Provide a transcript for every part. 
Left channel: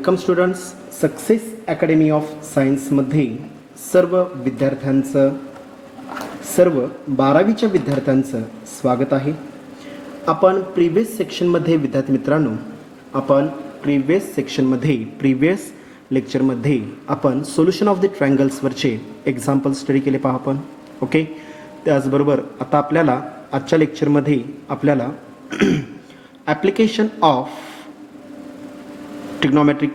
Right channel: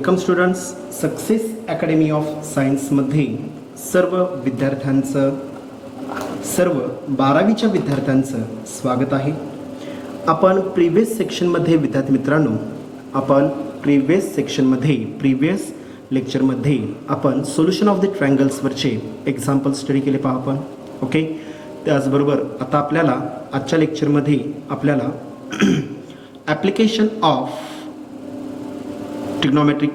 Welcome students. Success academy of सायन्समध्ये सर्व विद्यार्थ्यांचं सर्व 12वीच्या विद्यार्थ्यांचं स्वागत आहे. आपण प्रिव्हियस सेक्शनमध्ये विद्यार्थी मित्रांनो प्रिव्हियस लेक्चरमध्ये आपण सोल्युशन ऑफ द ट्रायंगल्सवरचे एक्झाम्पल स्टडी केले पहा आपण. ओके, त्याचबरोबर आता आपल्याला आजच्या लेक्चरमध्ये आपल्याला ॲप्लिकेशन ऑफ ट्रिग्नोमेट्रिक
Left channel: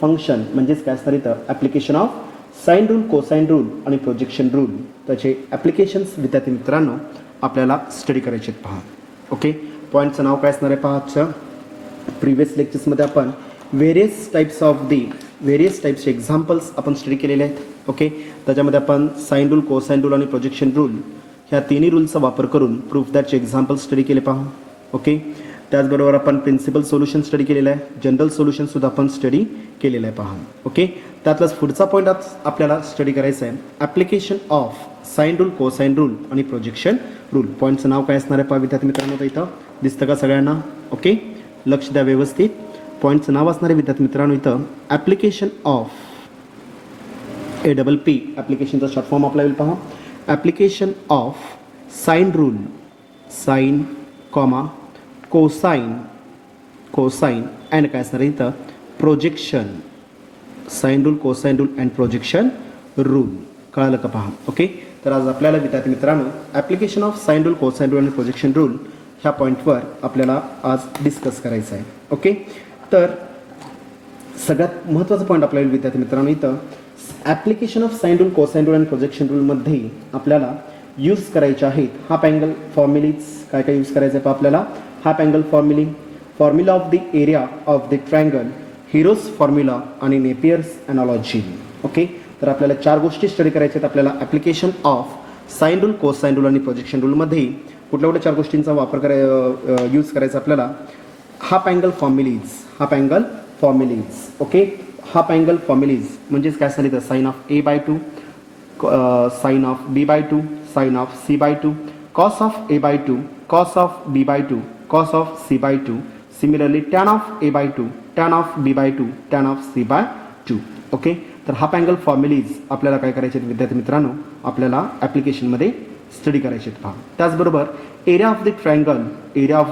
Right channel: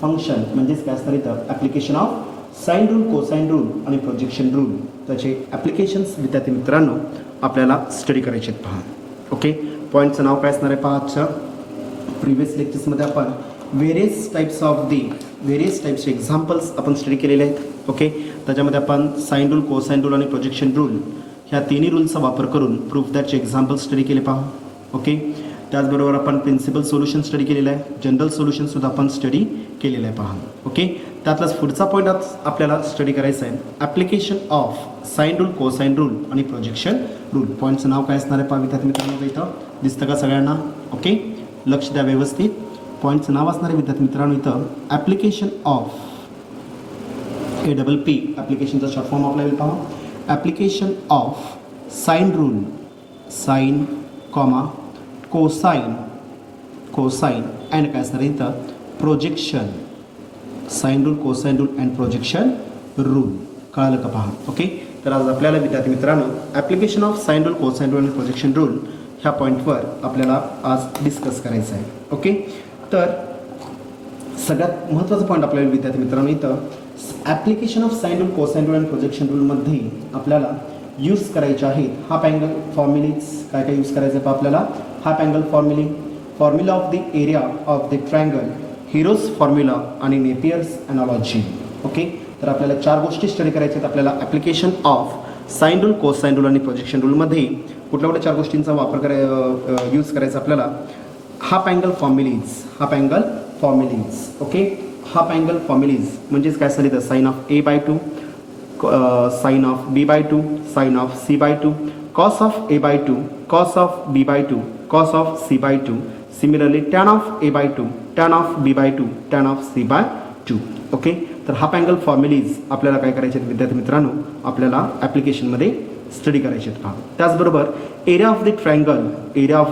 फंक्शन म्हणजेच काय असणार इथं application of sine rule, cosine rule आणि प्रोजेक्शन रूल त्याचे ॲप्लिकेशन्स विद्यार्थी मित्रांनो आपल्याला स्टडी करायचे आहेत पहा. ओके, पॉईंटचं नाव काय असणार आहे पहा. आजच्या प्रिव्हियस लेक्चर्समध्ये आपण व्हेरियस टाईप्सचे एक्झाम्पल्स आपण स्टडी केलेले आहेत. ओके, त्याच्यामध्ये आपण साइन रूल, कोसाइन रूल आणि प्रोजेक्शन रूल ह्या तिन्ही रूलचा वापर करून प्रूफ दॅटचे एक्झाम्पल स्टडी केले पहा. ओके, त्याचबरोबर आपण प्रिन्सिपल सोल्युशन स्टडी केलेलं आहे, जनरल सोल्युशनसुद्धा आपण स्टडी केलेलं आहे पहा. ओके, त्यातलाच पुढचा पॉईंट आपल्याला स्टडी करायचा आहे application of sine rule, cosine rule आणि प्रोजेक्शन रूल. पॉईंटचं नाव काय असणार आहे पहा विद्यार्थी मित्रांनो, इथं दिसतं का सगळ्यांना? ओके, लक्ष द्या व्यवस्थित. पॉईंटचं नाव असणार आहे विद्यार्थी मित्रांनो इथं ॲप्लिकेशन ऑफ APP. ॲप्लिकेशनचा शॉर्ट फॉर्म आपल्याला येईल पहा. Application of sine rule, sine comma cosine and काय असणार इथं projection, sine rule, cosine rule and projection rule. कळालं का पहा. ओके, तर आज आपल्याला विद्यार्थी मित्रांनो application of sine rule, cosine rule आणि प्रोजेक्शन रूल ह्या पॉईंटवर आपल्याला आज डिस्कस करायचं आहे. ओके, तर सगळ्यात महत्त्वाचा पॉईंट आपल्याला विद्यार्थी मित्रांनो इथं application of sine rule, cosine rule and projection रूलमध्ये आपल्याला यूज करायचे आहेत हाफ अँगल फॉर्म्युलीज. काय काय यूज करायचं आहे पहा आपल्याला. Half angle formula of the area of the triangle, Heron's formula आणि नेपियर्स अनालॉजी. ओके, तर आपल्याला 4 गोष्टी स्टडी करायच्या आहेत. आपल्याला application of sine rule, cosine rule आणि प्रोजेक्शन रूलमध्ये कुठल्या 4 गोष्टींचा वापर यूज करायचा आपल्याला. Half angle formulae. Okay, half angle formulae म्हणजेच काय झाली तर sine of A/2, sine of B/2, sine of C/2, cos of A/2, cos of B/2, cos of C/2, similarly tan of A/2, tan of B/2, tan of C/2. Okay, तर half angle फॉर्म्युलीज आपल्याला काय करायचे आहेत विद्यार्थी मित्रांनो, आपल्याला ॲप्लिकेशनमध्ये study करायचे आहेत पहा. त्याचबरोबर area of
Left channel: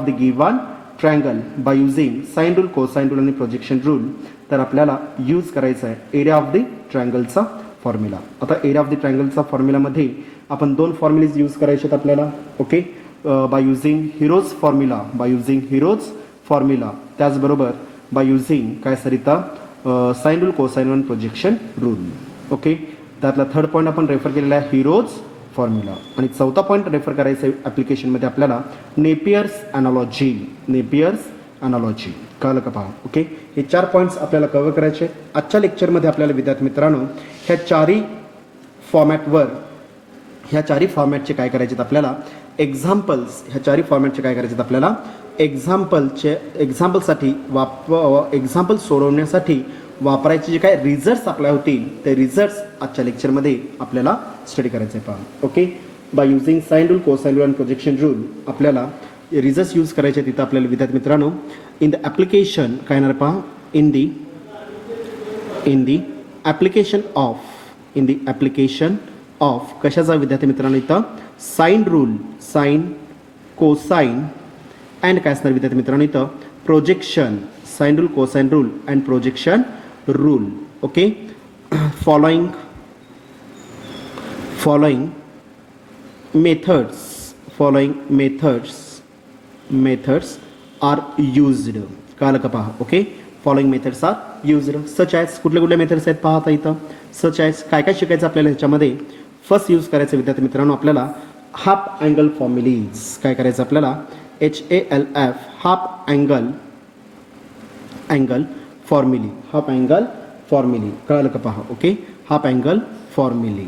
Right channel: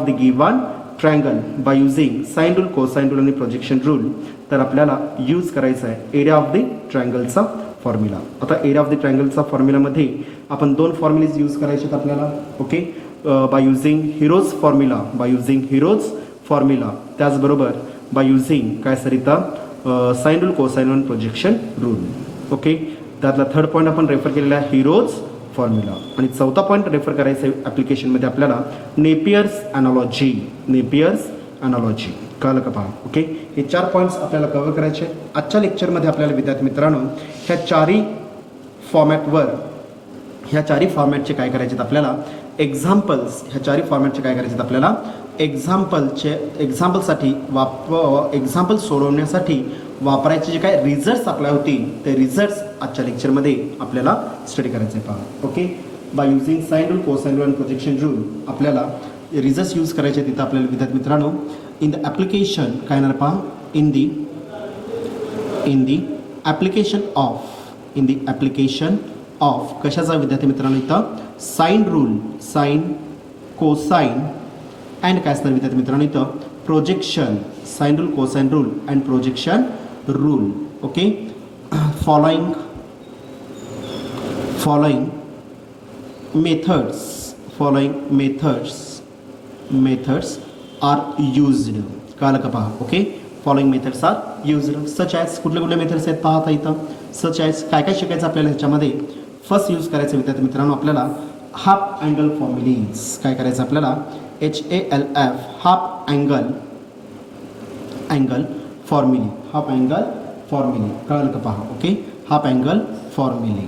the given triangle by using sine rule, cosine rule आणि प्रोजेक्शन रूल. तर आपल्याला यूज करायचा आहे एरिया ऑफ द ट्रायंगलचा फॉर्म्युला. आता एरिया ऑफ द ट्रायंगलचा फॉर्म्युलामध्ये आपण 2 फॉर्म्युलेज यूज करायचे आहेत आपल्याला. Okay, by using Heron's formula, त्याचबरोबर बाय युझिंग काय सर इथं साइन रूल, कोसाइन आणि प्रोजेक्शन रूल. ओके, त्यातला 3rd पॉईंट आपण रेफर केलेला आहे हिरोज फॉर्म्युला. आणि 4था पॉईंट रेफर करायचा आहे ॲप्लिकेशनमध्ये आपल्याला नेपियर्स अनालॉजी. कळलं का पहा. ओके, हे 4 पॉईंट्स आपल्याला कव्हर करायचे. आजच्या लेक्चरमध्ये आपल्याला विद्यार्थी मित्रांनो ह्या चारही फॉर्मॅटचे काय करायचे आहेत आपल्याला एक्झाम्पल्स. एक्झाम्पल सोडवण्यासाठी वापरायचे जे काय रिझल्ट्स आपल्या होतील ते रिझल्ट्स आजच्या लेक्चरमध्ये आपल्याला स्टडी करायचे पहा. Okay, by using sine rule, cosine rule and projection rule आपल्याला रिझल्ट्स यूज करायचे. तिथं आपल्याला विद्यार्थी मित्रांनो इन द ॲप्लिकेशन काय येणार पहा. इन द ॲप्लिकेशन ऑफ कशाचा विद्यार्थी मित्रांनो इथं sine rule, sine, cosine and काय असणार विद्यार्थी मित्रांनो इथं projection, sine rule, cosine rule and projection rule. Okay, following methods are used. कळलं का पहा. Okay, following methods are used such as कुठले मेथड्स आहेत पहा. आता इथं सच ॲज काय शिकायचं आपल्याला ह्याच्यामध्ये. फर्स्ट यूज करायचं विद्यार्थी मित्रांनो आपल्याला हाफ अँगल फॉर्म्युलीज. काय करायचं आपल्याला HALF हाफ अँगल फॉर्म्युली. कळलं का पहा. Okay, half angle formulae.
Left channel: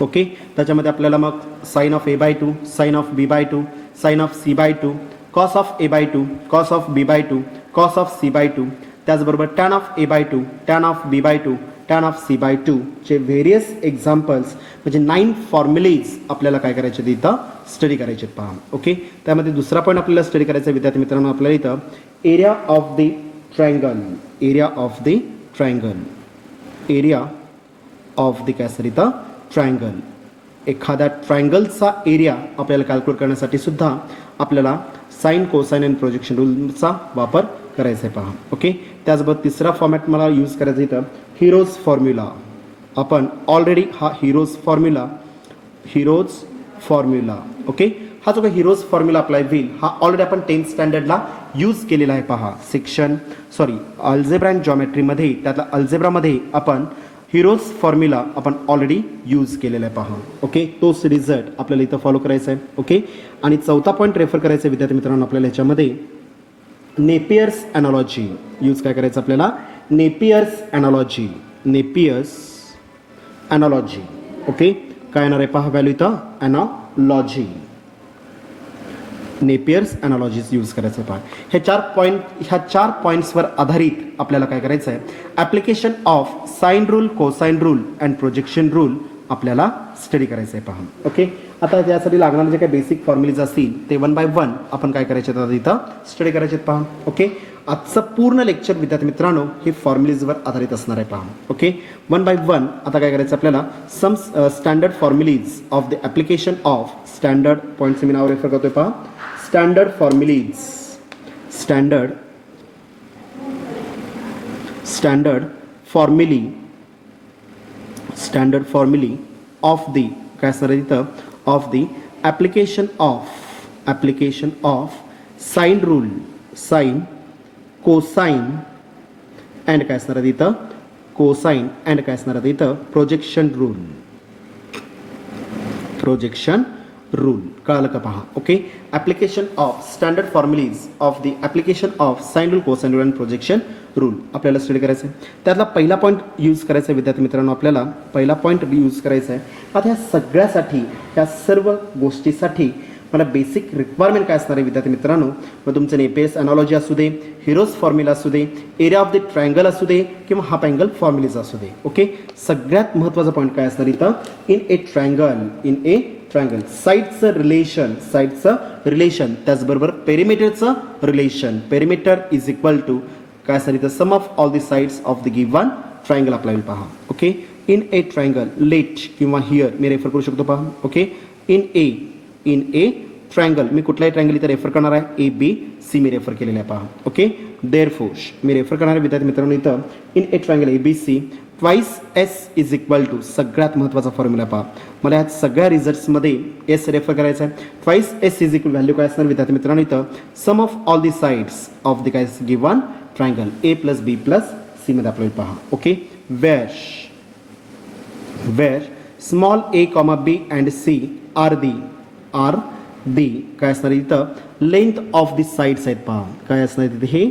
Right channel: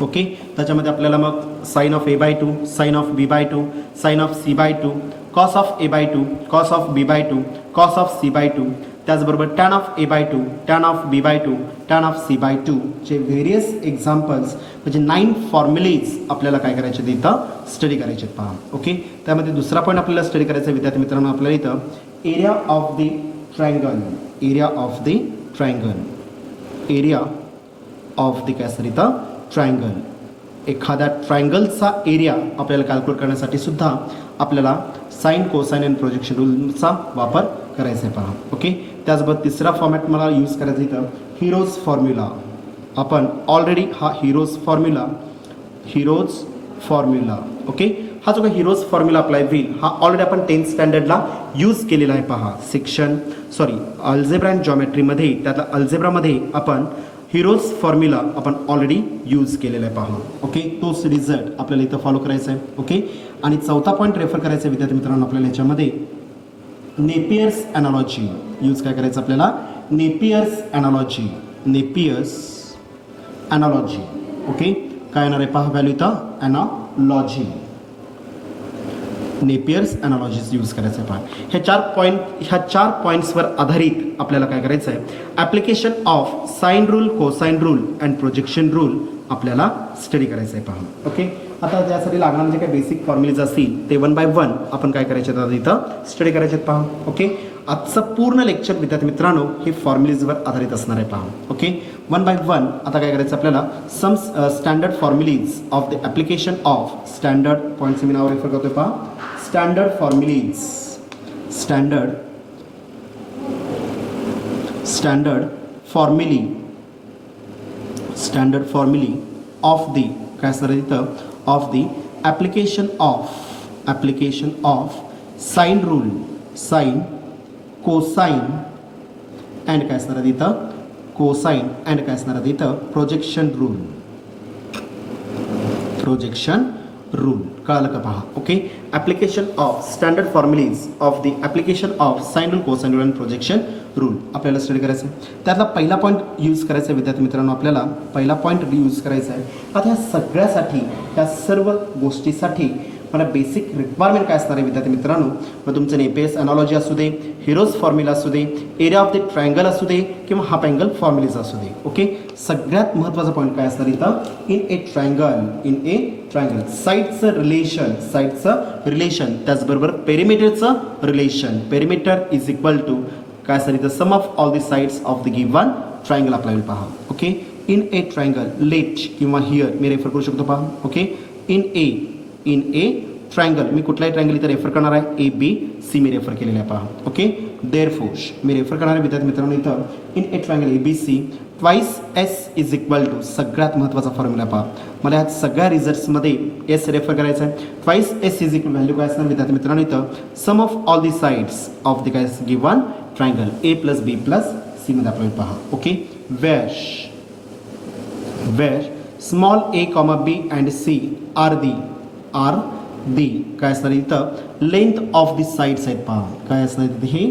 Okay, त्याच्यामध्ये आपल्याला मग sine of A/2, sine of B/2, sine of C/2, cos of A/2, cos of B/2, cos of C/2, त्याचबरोबर tan of A/2, tan of B/2, tan of C/2 चे various examples म्हणजे 9 formulas आपल्याला काय करायचे इथं स्टडी करायचे पहा. Okay, त्यामध्ये दुसरा पॉईंट आपल्याला स्टडी करायचा विद्यार्थी मित्रांनो आपल्याला इथं area of the triangle, area of the triangle, area of the काय असतं इथं ट्रायंगल. एखाद्या ट्रायंगलचा एरिया आपल्याला कॅल्क्युलेट करण्यासाठी सुद्धा आपल्याला साइन, कोसाइन आणि प्रोजेक्शन रूलचा वापर करायचा आहे पहा. ओके, त्याचबरोबर तिसरा फॉर्मॅट मला यूज करायचा इथं हिरोज फॉर्म्युला. आपण ऑलरेडी हा हिरोज फॉर्म्युला ओके, हा जो काही हिरोज फॉर्म्युला अप्लाय होईल हा ऑलरेडी आपण 10th स्टँडर्डला यूज केलेला आहे पहा. अल्जेब्रा अँड जॉमेट्रीमध्ये, त्यातला अल्जेब्रामध्ये आपण हिरोज फॉर्म्युला आपण ऑलरेडी यूज केलेला आहे पहा. ओके, तोच रिझल्ट आपल्याला इथं फॉलो करायचा आहे. ओके, आणि चौथा पॉईंट रेफर करायचा आहे विद्यार्थी मित्रांनो आपल्याला याच्यामध्ये नेपियर्स अॅनालॉजी यूज काय करायचं आपल्याला नेपियर्स अॅनालॉजी. ओके, काय येणार आहे पहा व्हॅल्यू इथं अॅनालॉजी, नेपियर्स अॅनालॉजीज यूज करायचं पहा. ह्या चार पॉईंट्सवर आधारित आपल्याला काय करायचं आहे application of sine rule, cosine rule and projection rule आपल्याला स्टडी करायचं आहे पहा. ओके, आता यासाठी लागणारे जे काही बेसिक फॉर्म्युलेज असतील ते 1 by 1 आपण काय करायचे इथं स्टडी करायचे पहा. ओके, आजचं पूर्ण लेक्चर विद्यार्थी मित्रांनो हे फॉर्म्युलेजवर आधारित असणार आहे पहा. ओके, 1 by 1 आता काय करायचं आपल्याला some standard formulae of the application of standard points मी नाव रेफर करतोय पहा. Standard formulae, standard formulae of the काय असणार आहे इथं of the application of sine rule, sine, cosine and काय असणार आहे इथं कोसाइन अँड काय असणार आहे इथं प्रोजेक्शन रूल. कळालं का पहा. Okay, application of standard formulae of the application of sine rule, cosine rule and projection rule आपल्याला स्टडी करायचं आहे. त्यातला पहिला पॉईंट यूज करायचा आहे विद्यार्थी मित्रांनो आपल्याला पहिला पॉईंट यूज करायचा आहे. आता ह्या सगळ्यासाठी, या सर्व गोष्टीसाठी मला बेसिक रिक्वायरमेंट काय असणार आहे विद्यार्थी मित्रांनो, मग तुमचं नेपियर्स अॅनालॉजी असू दे, हिरोज फॉर्म्युला असू दे, एरिया ऑफ द ट्रायंगल असू दे किंवा हाफ अँगल फॉर्म्युलेज असू दे. ओके, सगळ्यात महत्त्वाचा पॉईंट काय असणार इथं इन ए ट्रायंगल साईडचं रिलेशन, त्याचबरोबर पेरिमीटरचं relation. Perimeter is equal to काय असणार इथं sum of all the sides of the given triangle आपल्याला पहा. Okay, in a triangle let किंवा हिअर मी रेफर करू शकतो पहा. ओके, इन ए ट्रायंगल मी कुठलाही ट्रायंगल इथं रेफर करणार आहे ABC मी रेफर केलेला आहे पहा. ओके, देअरफोर मी रेफर करणार आहे विद्यार्थी मित्रांनो इथं in a triangle ABC twice S is equal to सगळ्यात महत्त्वाचा फॉर्म्युला पहा. मला ह्या सगळ्या रिझल्ट्समध्ये S रेफर करायचा आहे. Twice S is equal value काय असणार विद्यार्थी मित्रांनो इथं sum of all the sides of the काय given triangle A + B + C मध्ये आपल्याला पहा. Okay, where small a, B and C are the काय असणार इथं लेंथ ऑफ द साइड्स आहेत पहा. काय असणार इथे हे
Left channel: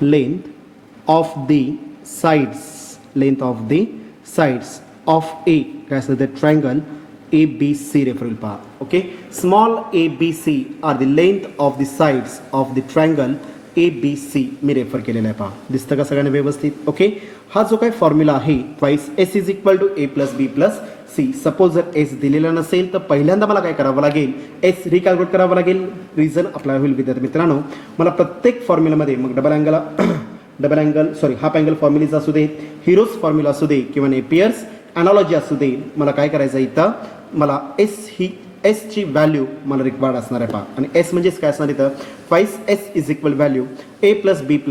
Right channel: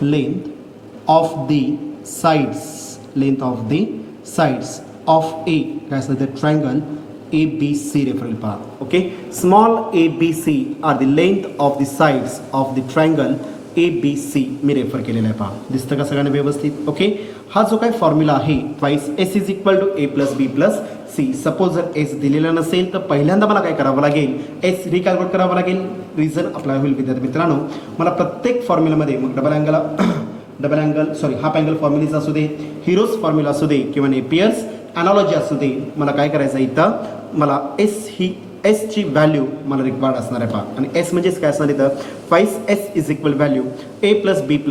length of the sides of a काय असणार ते ट्रायंगल ABC रेफर पहा. Okay, small ABC are the length of the sides of the triangle ABC मी रेफर केलेला आहे पहा. दिसतं का सगळ्यांना व्यवस्थित. ओके, हा जो काही फॉर्म्युला आहे twice S is equal to A + B + C. Suppose जर S दिलेला नसेल तर पहिल्यांदा मला काय करावं लागेल S रिकॅल्क्युलेट करावं लागेल. रिझन अप्लाय होईल विद्यार्थी मित्रांनो. मला प्रत्येक फॉर्म्युलामध्ये मग हाफ अँगल फॉर्म्युलेज असू दे, हिरोज फॉर्म्युला असू दे किंवा नेपियर्स अॅनालॉजी असू दे, मला काय करायचं इथं मला S ची व्हॅल्यू मला रिक्वायर्ड असणार आहे पहा. आणि S म्हणजेच काय असणार इथं twice S is equal value A + B +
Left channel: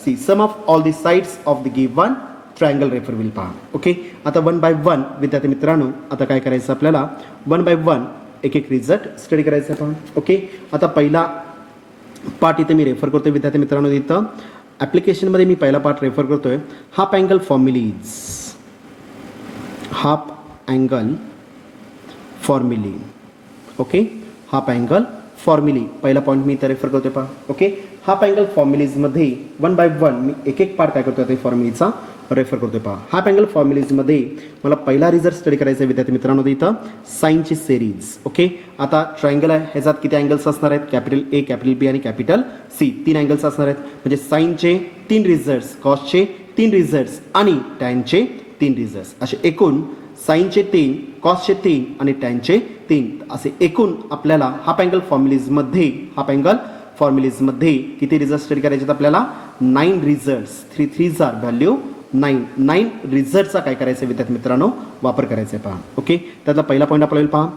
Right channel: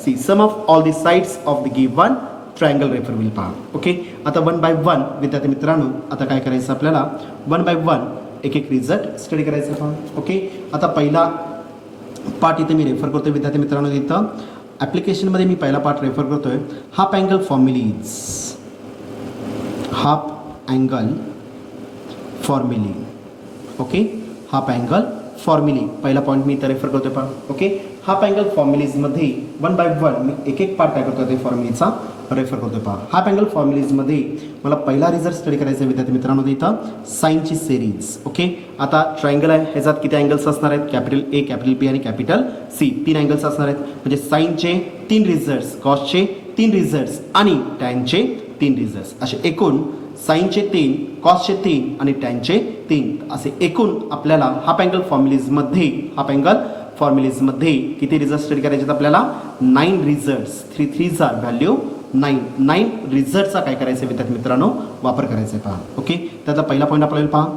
C sum of all the sides of the given triangle refer होईल पहा. ओके, आता 1 by 1 विद्यार्थी मित्रांनो आता काय करायचं आपल्याला 1 by 1 एक रिझल्ट स्टडी करायचं पहा. ओके, आता पहिला पार्ट इथे मी रेफर करतोय विद्यार्थी मित्रांनो. इथं ॲप्लिकेशनमध्ये मी पहिला पार्ट रेफर करतोय half angle formulae. Okay, half angle फॉर्म्युली पहिला पॉईंट मी इथं रेफर करतोय पहा. ओके, हाफ अँगल फॉर्म्युलीजमध्ये 1/1 मी एक एक पार्ट काय करतो ते फॉर्म्युलीचा रेफर करतोय पहा. हाफ अँगल फॉर्म्युलीजमध्ये मला पहिला रिझल्ट स्टडी करायचा आहे विद्यार्थी मित्रांनो, इथं साईनची सिरीज. ओके, आता ट्रायंगल आहे, ह्याच्यात किती अँगल्स असणार आहेत? कॅपिटल ए, कॅपिटल बी आणि कॅपिटल सी, 3 अँगल्स असणार आहेत. म्हणजे साईनचे 3 रिझल्ट्स, कॉसचे 3 रिझल्ट्स आणि टॅनचे 3 रिझल्ट्स, असे एकूण साईनचे 3, कॉसचे 3 आणि टॅनचे 3, असे एकूण आपल्याला हाफ अँगल फॉर्म्युलीजमध्ये किती रिझल्ट स्टडी करायचे आहेत आपल्याला? 9 रिझल्ट्स. 3 3 व्हॅल्यू 9 रिझल्टचा काय करायचं विद्यार्थी मित्रांनो? वापर करायचा आहे पहा. ओके, त्यातला पहिला पॉईंट आपल्याला पहा,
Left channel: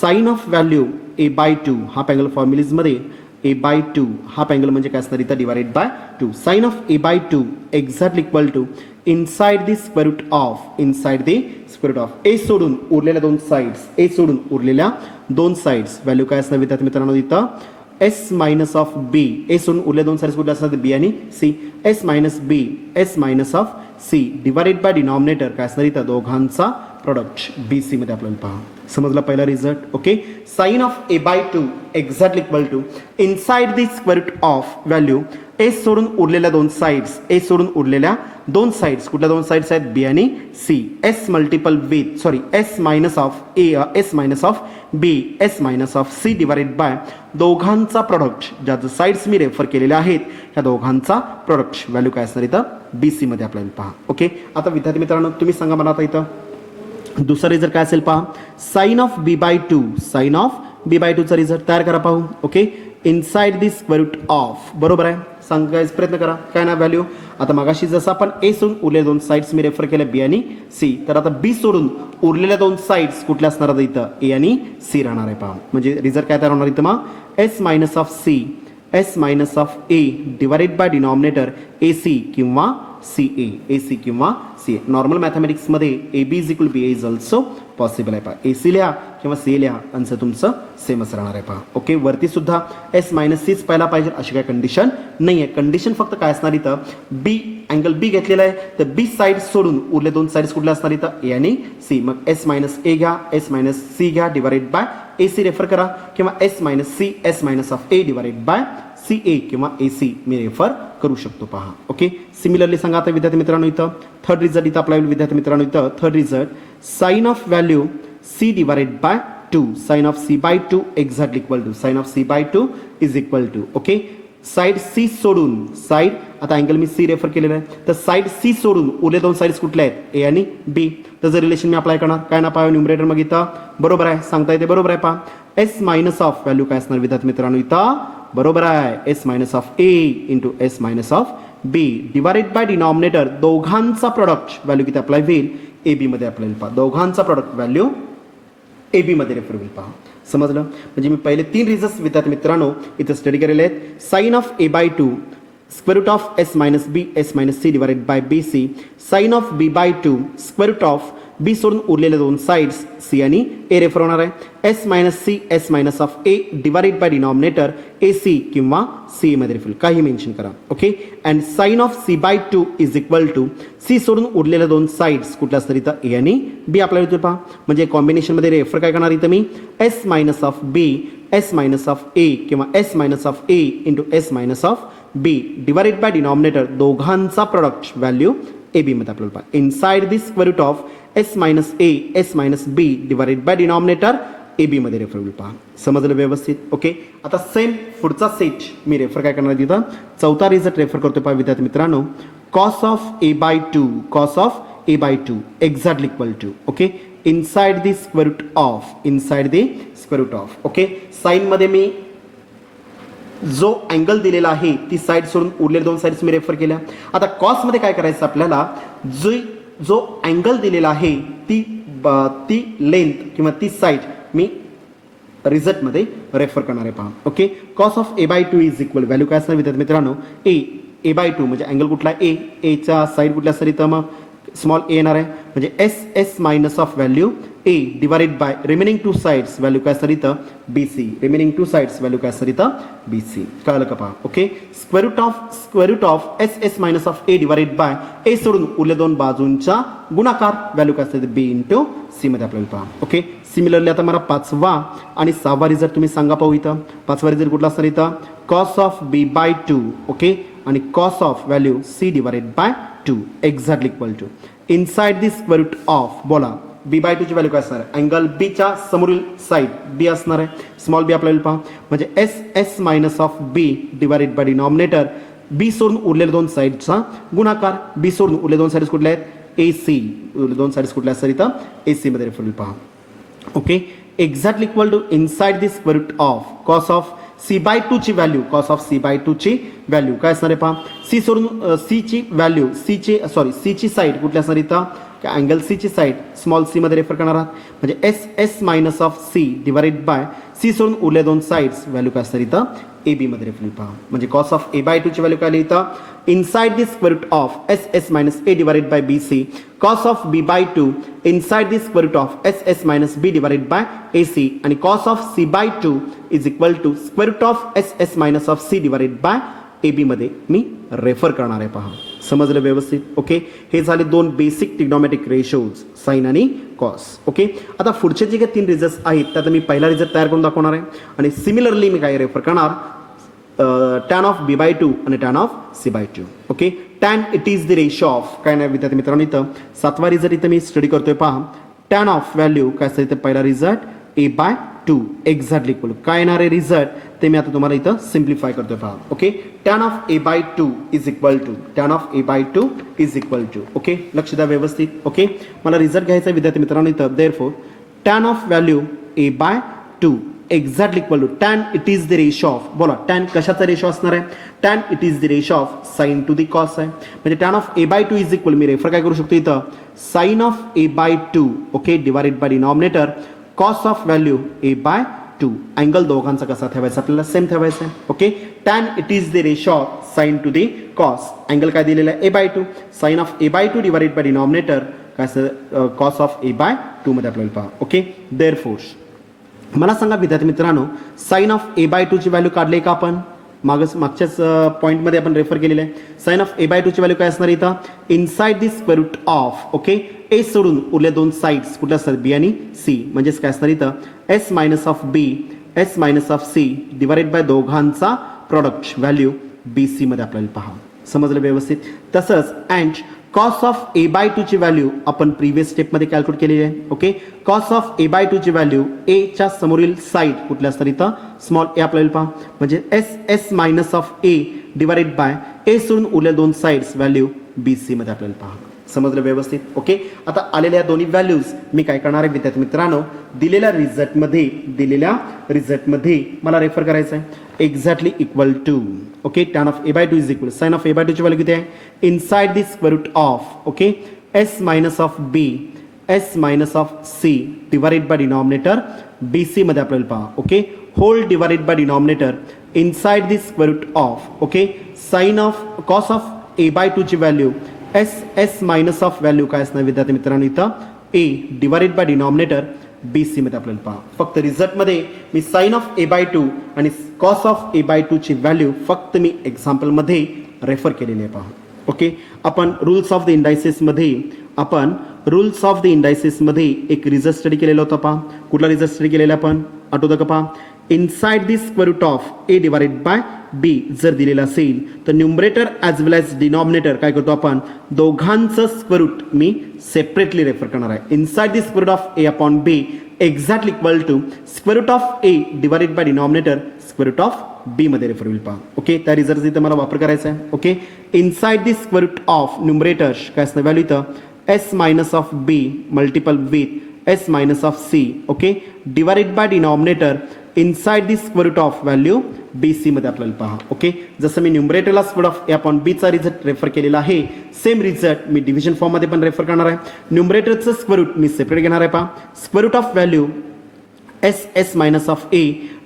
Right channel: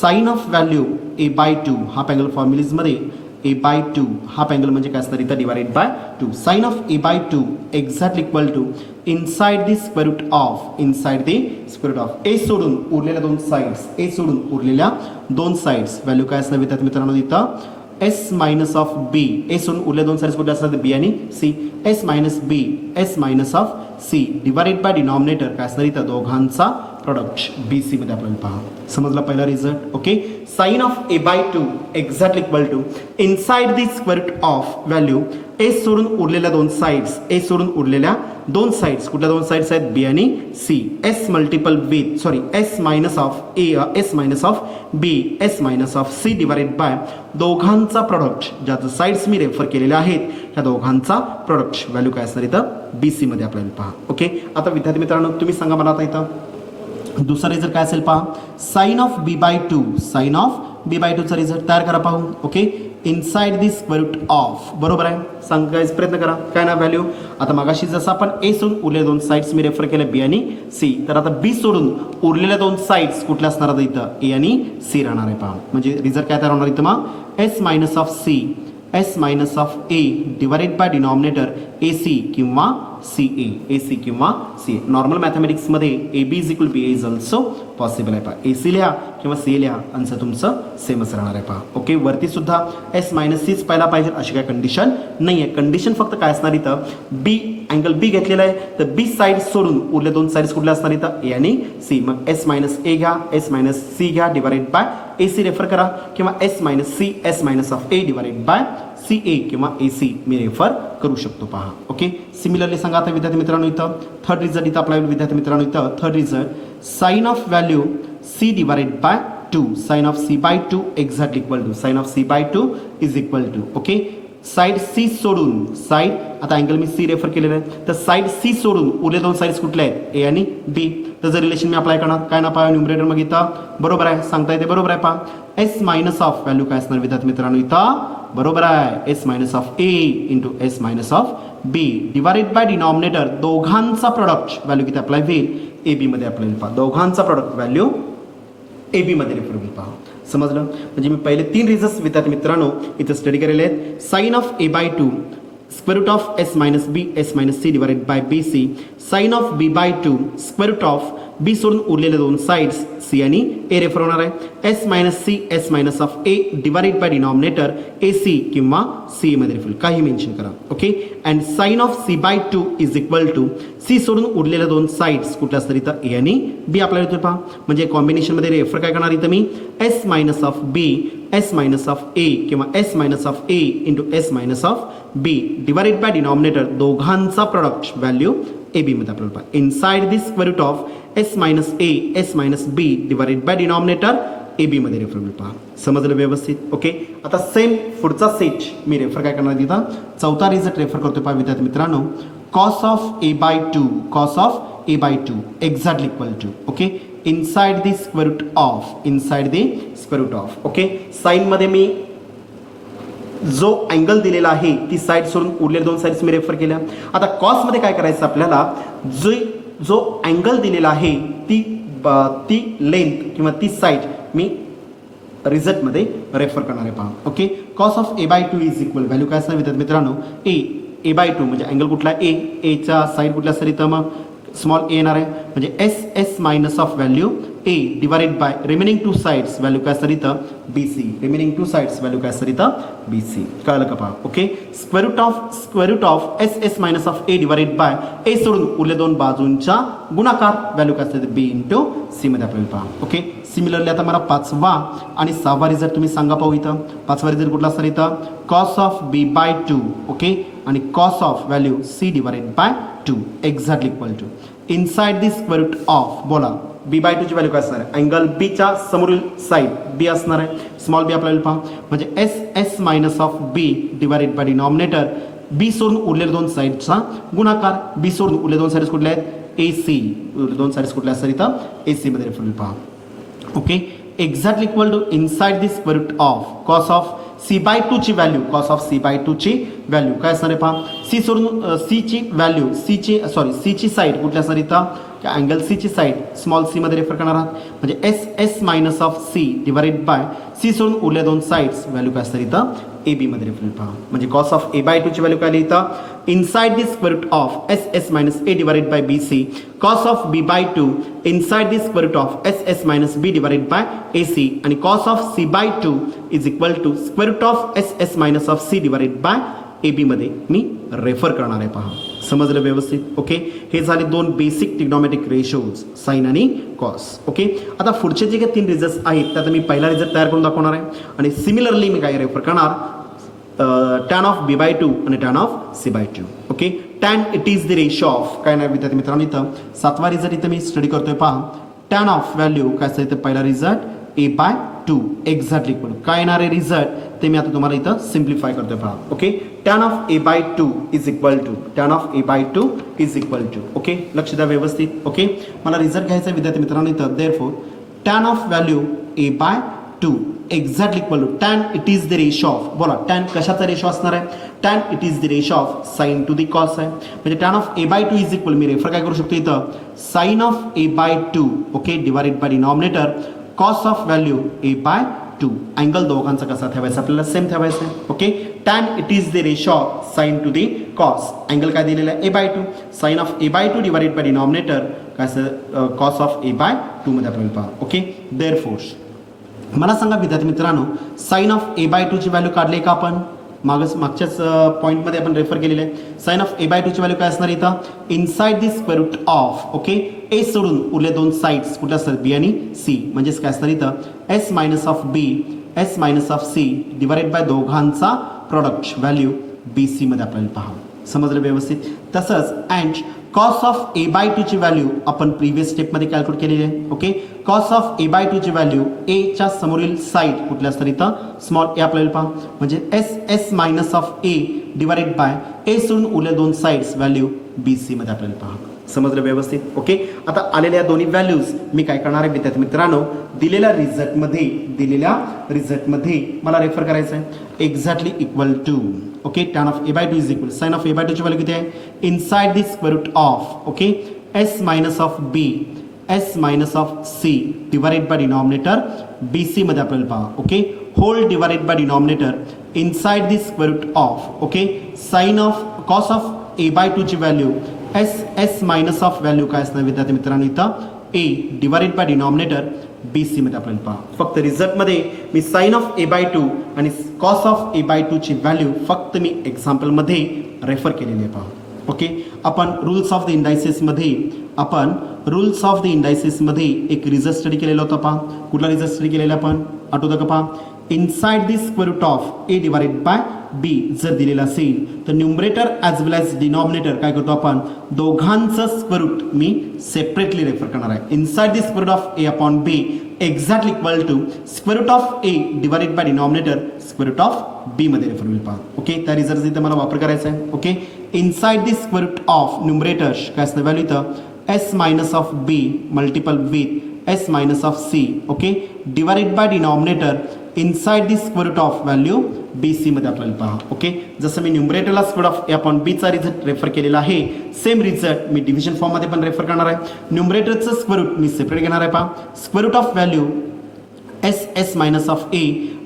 sine of value a/2 half angle फॉर्म्युलीजमध्ये a/2 हाफ अँगल म्हणजे काय असणार इथं? Divided by 2. Sine of a/2 exactly equal to inside the square root of A सोडून उरलेल्या 2 साइड्स, ए सोडून उरलेल्या 2 साइड्स व्हॅल्यू काय असणार विद्यार्थी मित्रांनो? इथं s minus of B, A सोडून उरलेल्या 2 साइड्स कुठल्या असतात? बी आणि C. s minus B, s minus of C divided by denominator काय असणार इथं? दोघांचा प्रोडक्ट बी सी मध्ये आपल्याला पहा. समजला पहिला result. Okay, sine of a/2 exactly equal to inside the square root of value A सोडून उरलेल्या 2 साइड्स, ए सोडून उरलेल्या 2 साइड्स कुठल्या 2 साइड्स आहेत? बी आणि C. s multiple with s minus of A, s minus of B, s minus of C divided by दोघांचा product, ज्या sides मी रेफर केलेल्या आहेत त्या दोघांचा प्रोडक्ट व्हॅल्यू काय असणार इथं? बी सी मध्ये आपल्याला पहा. ओके, आता विद्यार्थी मित्रांनो तुम्ही सांगा मला आता इथं दुसरा रिझल्ट काय असेल पहा. Sine of b/2, sine of b/2 चा रिझल्ट तयार करा पाहू. Okay, inside the square root of, बरोबर आहे, सांगायचा प्रयत्न करा काय ना व्हॅल्यू. आता मगाशी जसं आपण ए सोडून उरलेल्या 2 साइड्स मी रेफर केल्या बी आणि सी, तर आता बी सोडून उरलेल्या 2 साइड्स कुठल्या असणार आहेत इथं? ए आणि सी राहणार आहे पहा. म्हणजे रिझल्ट काय तयार होणार इथं मग? s minus of C, s minus of A divided by denominator A C किंवा सी ए सी किंवा सी ए. नॉर्मल मॅथमॅटिक्समध्ये A B is equal B A is also possible आहे पहा. ए सी लिहा किंवा सी लिहा, आन्सर तुमचं सेमच राहणार आहे पहा. ओके, वरती सुद्धा एस मायनस सीच पाहायला पाहिजे अशी काय कंडिशन नाही आहे. कंडिशन फक्त काय असणार इथं? बी अँगल बी घेतलेला आहे, तर बी साइड सोडून उरले 2 साइड्स कुठल्या असणार इथं? ए आणि सी. मग एस मायनस ए घ्या, एस मायनस सी घ्या divided by A C refer करा, किंवा S minus C, S minus of A divided by C A किंवा ए सी मी रेफर करू शकतो पहा. ओके, सिमिलरली सांगा आता विद्यार्थी मित्रांनो इथं थर्ड रिझल्ट इथं आपला विद्यार्थी मित्रांनो इथं third result sine of value C divided by 2, sine of c/2 exactly equal to sine of c/2 is equal to. Okay, side C सोडून साइड, आता अँगल मी सी रेफर केलेलं आहे, तर साइड सी सोडून उरले 2 साइड्स कुठल्या आहेत? ए आणि बी. त्याचं रिलेशन मी अप्लाय करणार काय ना पहा न्यूमरेटर मग इथं बरोबर आहे, सांगता येते बरोबर आहे पहा. एस मायनस ऑफ व्हॅल्यू काय असणार विद्यार्थी मित्रांनो इथं? बरोबर आहे, S minus of A into S minus of B divided by denominator दोघांचा प्रोडक्ट व्हॅल्यू किती अप्लाय होईल? ए बी मध्ये अप्लाय होईल पहा. दोघांचा प्रोडक्ट व्हॅल्यू ए बी मध्ये रेफर होईल पहा. समजलं? म्हणजे मी पहिले 3 रिझल्ट्स विद्यार्थी मित्रांनो इथे स्टडी केलेले आहेत. Sine of a/2 square root of S minus B, S minus C divided by B C. Sine of b/2 square root of B सोडून उरलेले 2 साइड्स सी आणि ए रेफर होणार आहे. S minus C, S minus of A divided by denominator A C किंवा C मध्ये refer काही mention करा. Okay, and sine of c/2 is equal to C सोडून उरलेल्या 2 साइड्स कुठल्या असतात इथं? ए आणि बी आपल्याला इथे पहा. म्हणजे कॉम्बिनेशन मध्ये रेफर काय करणार इथं मी? S minus of B, S minus of A किंवा S minus of A into S minus of B divided by denominator दोघांचा प्रोडक्ट व्हॅल्यू ए बी मध्ये आपल्याला पहा. Inside the square root of S minus A, S minus B divided by denominator A B मध्ये refer होईल पहा. समजलं व्यवस्थित? Okay, आता सेम पुढचा सेट मी रेफर काय करणार तिथं? चौथा रिझल्ट रेफर करतो पहा विद्यार्थी मित्रांनो. Cos of a/2, cos of a/2 exactly equal to. Okay, inside the square root of, inside the square root of. Okay, sine मध्ये मी जो अँगल दिलेला आहे ती साइड सोडून उरलेल्या 2 साइड्स मी रेफर केल्या. आता कॉस मध्ये काय करायचं आपल्याला? जो अँगल दिलेला आहे ती लेंथ किंवा ती साइड मी रिझल्ट मध्ये रेफर करणार आहे पहा. Okay, cos of a/2 is equal value काय असणार विद्यार्थी मित्रांनो? a/2 म्हणजे अँगल कुठला? ए चा साइड कुठल्या असणार इथं? मग स्मॉल ए येणार आहे, म्हणजे S S minus of value A divided by remaining two sides value काय असणार इथं BC. Remaining two sides value काय असणार इथं BC. कळलं का पहा. Okay, square root of S minus of A divided by A सोडून उरले दोन बाजूंच्या गुणाकार व्हॅल्यू काय असते B इंटू C मध्ये आपल्याला पहा. ओके, सिमिलरली आता मला पाचवा आणि सहावा रिझल्ट तुम्ही सांगा पाहू. इथं पाचवा रिझल्ट कुठला असणार इथं cos of B by 2. Okay, आणि cos of value C divided by 2 exactly equal to inside the square root of बोला B बाय 2 ची व्हॅल्यू काय असणार आहे अँगल B च्या समोरील साइड B असणार आहे. स्मॉल b आपल्याला पहा म्हणजे S minus of B divided by denominator B सोडून उरलेल्या दोन साइडचा गुणाकार. B सोडून उरलेल्या दोन साइड्स कुठल्या आहेत AC. दोन साइड्स कुठल्या असतात इथं AC मध्ये रेफर पहा. Okay, exactly equal to inside the square root of cos of C by 2 ची value cos of C by 2 ची व्हॅल्यू काय असणार आहे पहा. C सोडून C ची व्हॅल्यू C ची साइड कुठल्या असणार इथं अँगल C ची साइड स्मॉल c मध्ये रेफर करणार आहात म्हणजे S minus of C divided bye C सोडून उरल्या दोन साइड्स व्हॅल्यू काय असणार इथं AB मध्ये रेफर पहा म्हणजे कॉस ऑफ A बाय 2 ची व्हॅल्यू काय आली इथं inside the square root of S minus A divided by BC. Cos of B by 2 inside the square root of S minus B divided by AC आणि cos of C by 2 is equal to square root of S minus of C divided by AB मध्ये मी refer करणार आहे पहा. समजलं व्यवस्थित. Okay, हे झाले दोन बेसिक ट्रिग्नोमेट्रिक रेशोज साइन आणि कॉस. ओके, आता पुढचे जे काही तीन रिझल्ट्स आहेत त्यात मी पहिला रिझल्ट तयार करून दाखवणार आहे आणि सिमिलरली मी काय रेफर करणार tan ऑफ B बाय 2 आणि tan of C by 2. Okay, tan it is the ratio of काय नाही विद्यार्थी मित्रांनो इथं सातवा रिझल्ट इथं मी स्टडी करतोय पहा. tan ऑफ व्हॅल्यू काय असतं इथं पहिला result A by 2 exactly equal काय येणार आहे रिझल्ट ते मी आता तुम्हाला इथं सिम्प्लिफाय करतोय पहा. Okay, tan of A by 2 is equal to tan of A by 2 is equal to. Okay, लक्ष द्या व्यवस्थित. ओके, मला रिझल्ट घ्यायचा विद्यार्थी मित्रांनो इथं therefore tan of value A by 2 exactly equal to tan it is the ratio of बोला tan कशाचा रेशो असणार आहे tan it is the ratio of sine to the cos आहे म्हणजे tan of A by 2 is equal मी refer काय करू शकतो इथं sine of A by 2 okay divided by denominator cos of value A by 2. Angle दोघांचा कसा ठेवायचा आपल्याला सेम ठेवायचा. Okay, tan it is the ratio of sine to the cos angle काय दिलेला आहे A by 2 sine of A by 2 divided by denominator काय असं कॉस ऑफ A बाय 2 मध्ये आपल्याला पहा. ओके, देअरफोर मला सांगा विद्यार्थी मित्रांनो साइन ऑफ A बाय 2 ची व्हॅल्यू काढली का आपण मागच्याच पॉईंटमध्ये आपण रेफर केलेलं आहे. साइन ऑफ A बाय 2 ची व्हॅल्यू काय असणार इथं inside the square root of okay A सोडून उरले दोन साइड्स कुठल्या असतात B आणि C म्हणजेच काय असणार इथं S minus of B S minus of C divided by दोघांचा प्रोडक्ट व्हॅल्यू BC मध्ये आपल्याला पहा. समजलं व्यवस्थित. तसंच and cos of A by 2 ची व्हॅल्यू आपण प्रिव्हियस स्टेपमध्ये कॅल्क्युलेट केलेली आहे. Okay, cos of A by 2 ची व्हॅल्यू A च्या समोरील साइड कुठल्या असतात इथं स्मॉल a आपल्याला पहा म्हणजे S minus of A divided bye A सोडून उरल्या दोन साइड्स व्हॅल्यू BC मध्ये आपल्याला पहा. समजलं व्यवस्थित. ओके, आता आलेल्या दोन्ही व्हॅल्यूज मी काय करणार आहे विद्यार्थी मित्रांनो दिलेल्या रिझल्टमध्ये मला रेफर करायचं आहे exactly equal to okay tan of A by 2 is equal sine of A by 2 ची व्हॅल्यू किती आहे inside the square root of okay S minus of B S minus of C divided by denominator BC मध्ये आपल्याला पहा. Okay, whole divided by denominator inside the square root of okay sine of cos of A by 2 ची value S minus of value काय असणार विद्यार्थी मित्रांनो इथं A divided by denominator BC मध्ये आपल्याला पहा. फक्त रिझल्टमध्ये मी साइन ऑफ A बाय 2 आणि कॉस ऑफ A बाय 2 ची व्हॅल्यू फक्त मी एक्झाम्पलमध्ये रेफर केलेली आहे पहा. ओके, आपण रूल्स ऑफ द इंडायसेस मध्ये एक रिझल्ट स्टडी केलेला होता पहा. कुठला रिझल्ट स्टडी केलेला आपण आठवतं का पहा inside the square root of A divided by B जर दिलेला असेल तर numerator as well as denominator काय करतो आपण दोघांचं स्क्वेअर रूट मी सेपरेटली रेफर करणार आहे. Inside the square root of A upon B exactly equal to square root of A divided by denominator square root of B मध्ये refer होईल पहा. ओके, त्या रिझल्ट इथं मला वापर करायचा आहे. Okay, inside the square root of numerator काय असणार व्हॅल्यू इथं S minus of B multiple with S minus of C okay divided by denominator inside the square root of value BC मध्ये आपल्याला पहा. ओके, जसं मी न्यूमरेटरला square of A upon B चा रिझल्ट रेफर केलेला आहे सेम रिझल्ट मी डिव्हिजन फॉर्म मध्ये पण रेफर करणार आहे. न्यूमरेटरचं स्क्वेअर रूट मी सेपरेट घेणार आहे पहा square root of value S minus of A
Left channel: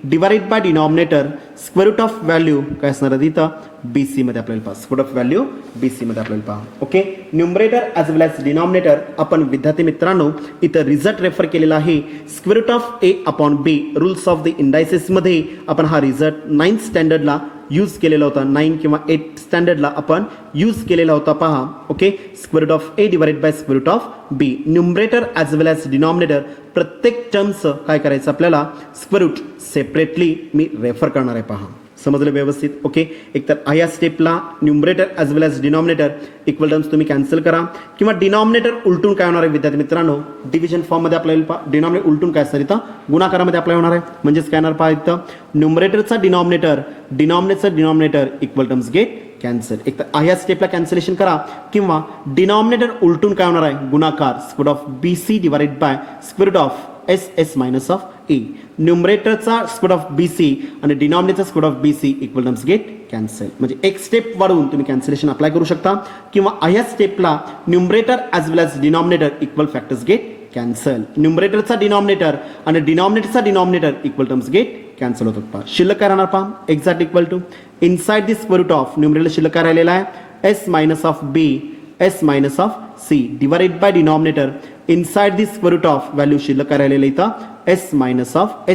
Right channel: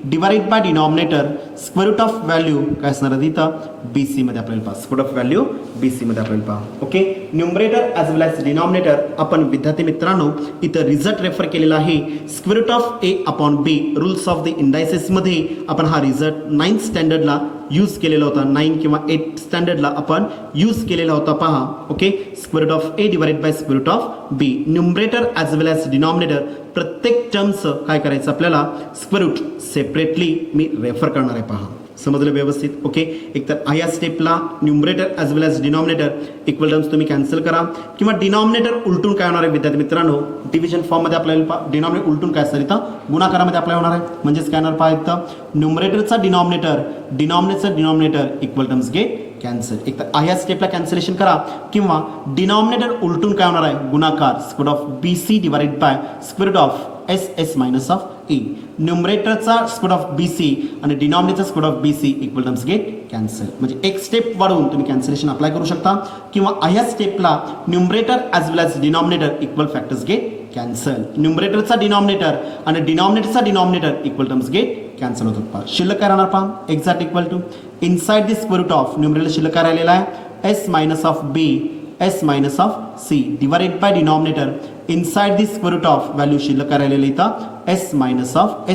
divided by denominator square root of value काय असणार आहे इथं BC मध्ये आपल्याला पहा square root of value BC मध्ये आपल्याला पहा okay numerator as well as denominator आपण विद्यार्थी मित्रांनो इथं रिझल्ट रेफर केलेला आहे square root of A upon B rules of the indices मध्ये आपण हा रिझल्ट 9th स्टँडर्डला यूज केलेला होता 9 किंवा 8 स्टँडर्डला आपण यूज केलेला होता पहा okay square root of A divided by square root of B numerator as well as denominator प्रत्येक टर्मचं काय करायचं आपल्याला स्क्वेअर रूट सेपरेटली मी रेफर करणार आहे पहा समजलं व्यवस्थित ओके एकतर या स्टेपला numerator as well as denominator equal terms तुम्ही कॅन्सल करा किंवा डिनॉमिनेटर उलटून काय होणार आहे विद्यार्थी मित्रांनो डिव्हिजन फॉर्ममध्ये आपल्याला डिनॉमिनेटर उलटून काय असणार इथं गुणाकारामध्ये आपल्याला होणार आहे म्हणजेच काय येणार पहा इथं न्यूमरेटरचा denominator equal terms get cancel एक तर या स्टेपला कॅन्सलेशन करा किंवा डिनॉमिनेटर उलटून काय होणार आहे गुणाकार square of BC divided by square root of SS minus of A न्यूमरेटरचा स्क्वेअर ऑफ BC आणि डिनॉमिनेटरचा square of BC equal terms get cancel म्हणजे एक स्टेप वाढवून तुम्ही कॅन्सलेशन अप्लाय करू शकता किंवा या स्टेपला numerator as well as denominator equal factors get cancel न्यूमरेटरचा डिनॉमिनेटर आणि डिनॉमिनेटरचा denominator equal terms get cancel होतात पहा शिल्लक काय राहणार पहा exact equal to inside the square root of numerator शिल्लक काय राहिलेला आहे S minus of B S minus of C divided by denominator inside the square root of value शिल्लक काय राहिलेलं इथं S मायनस ऑफ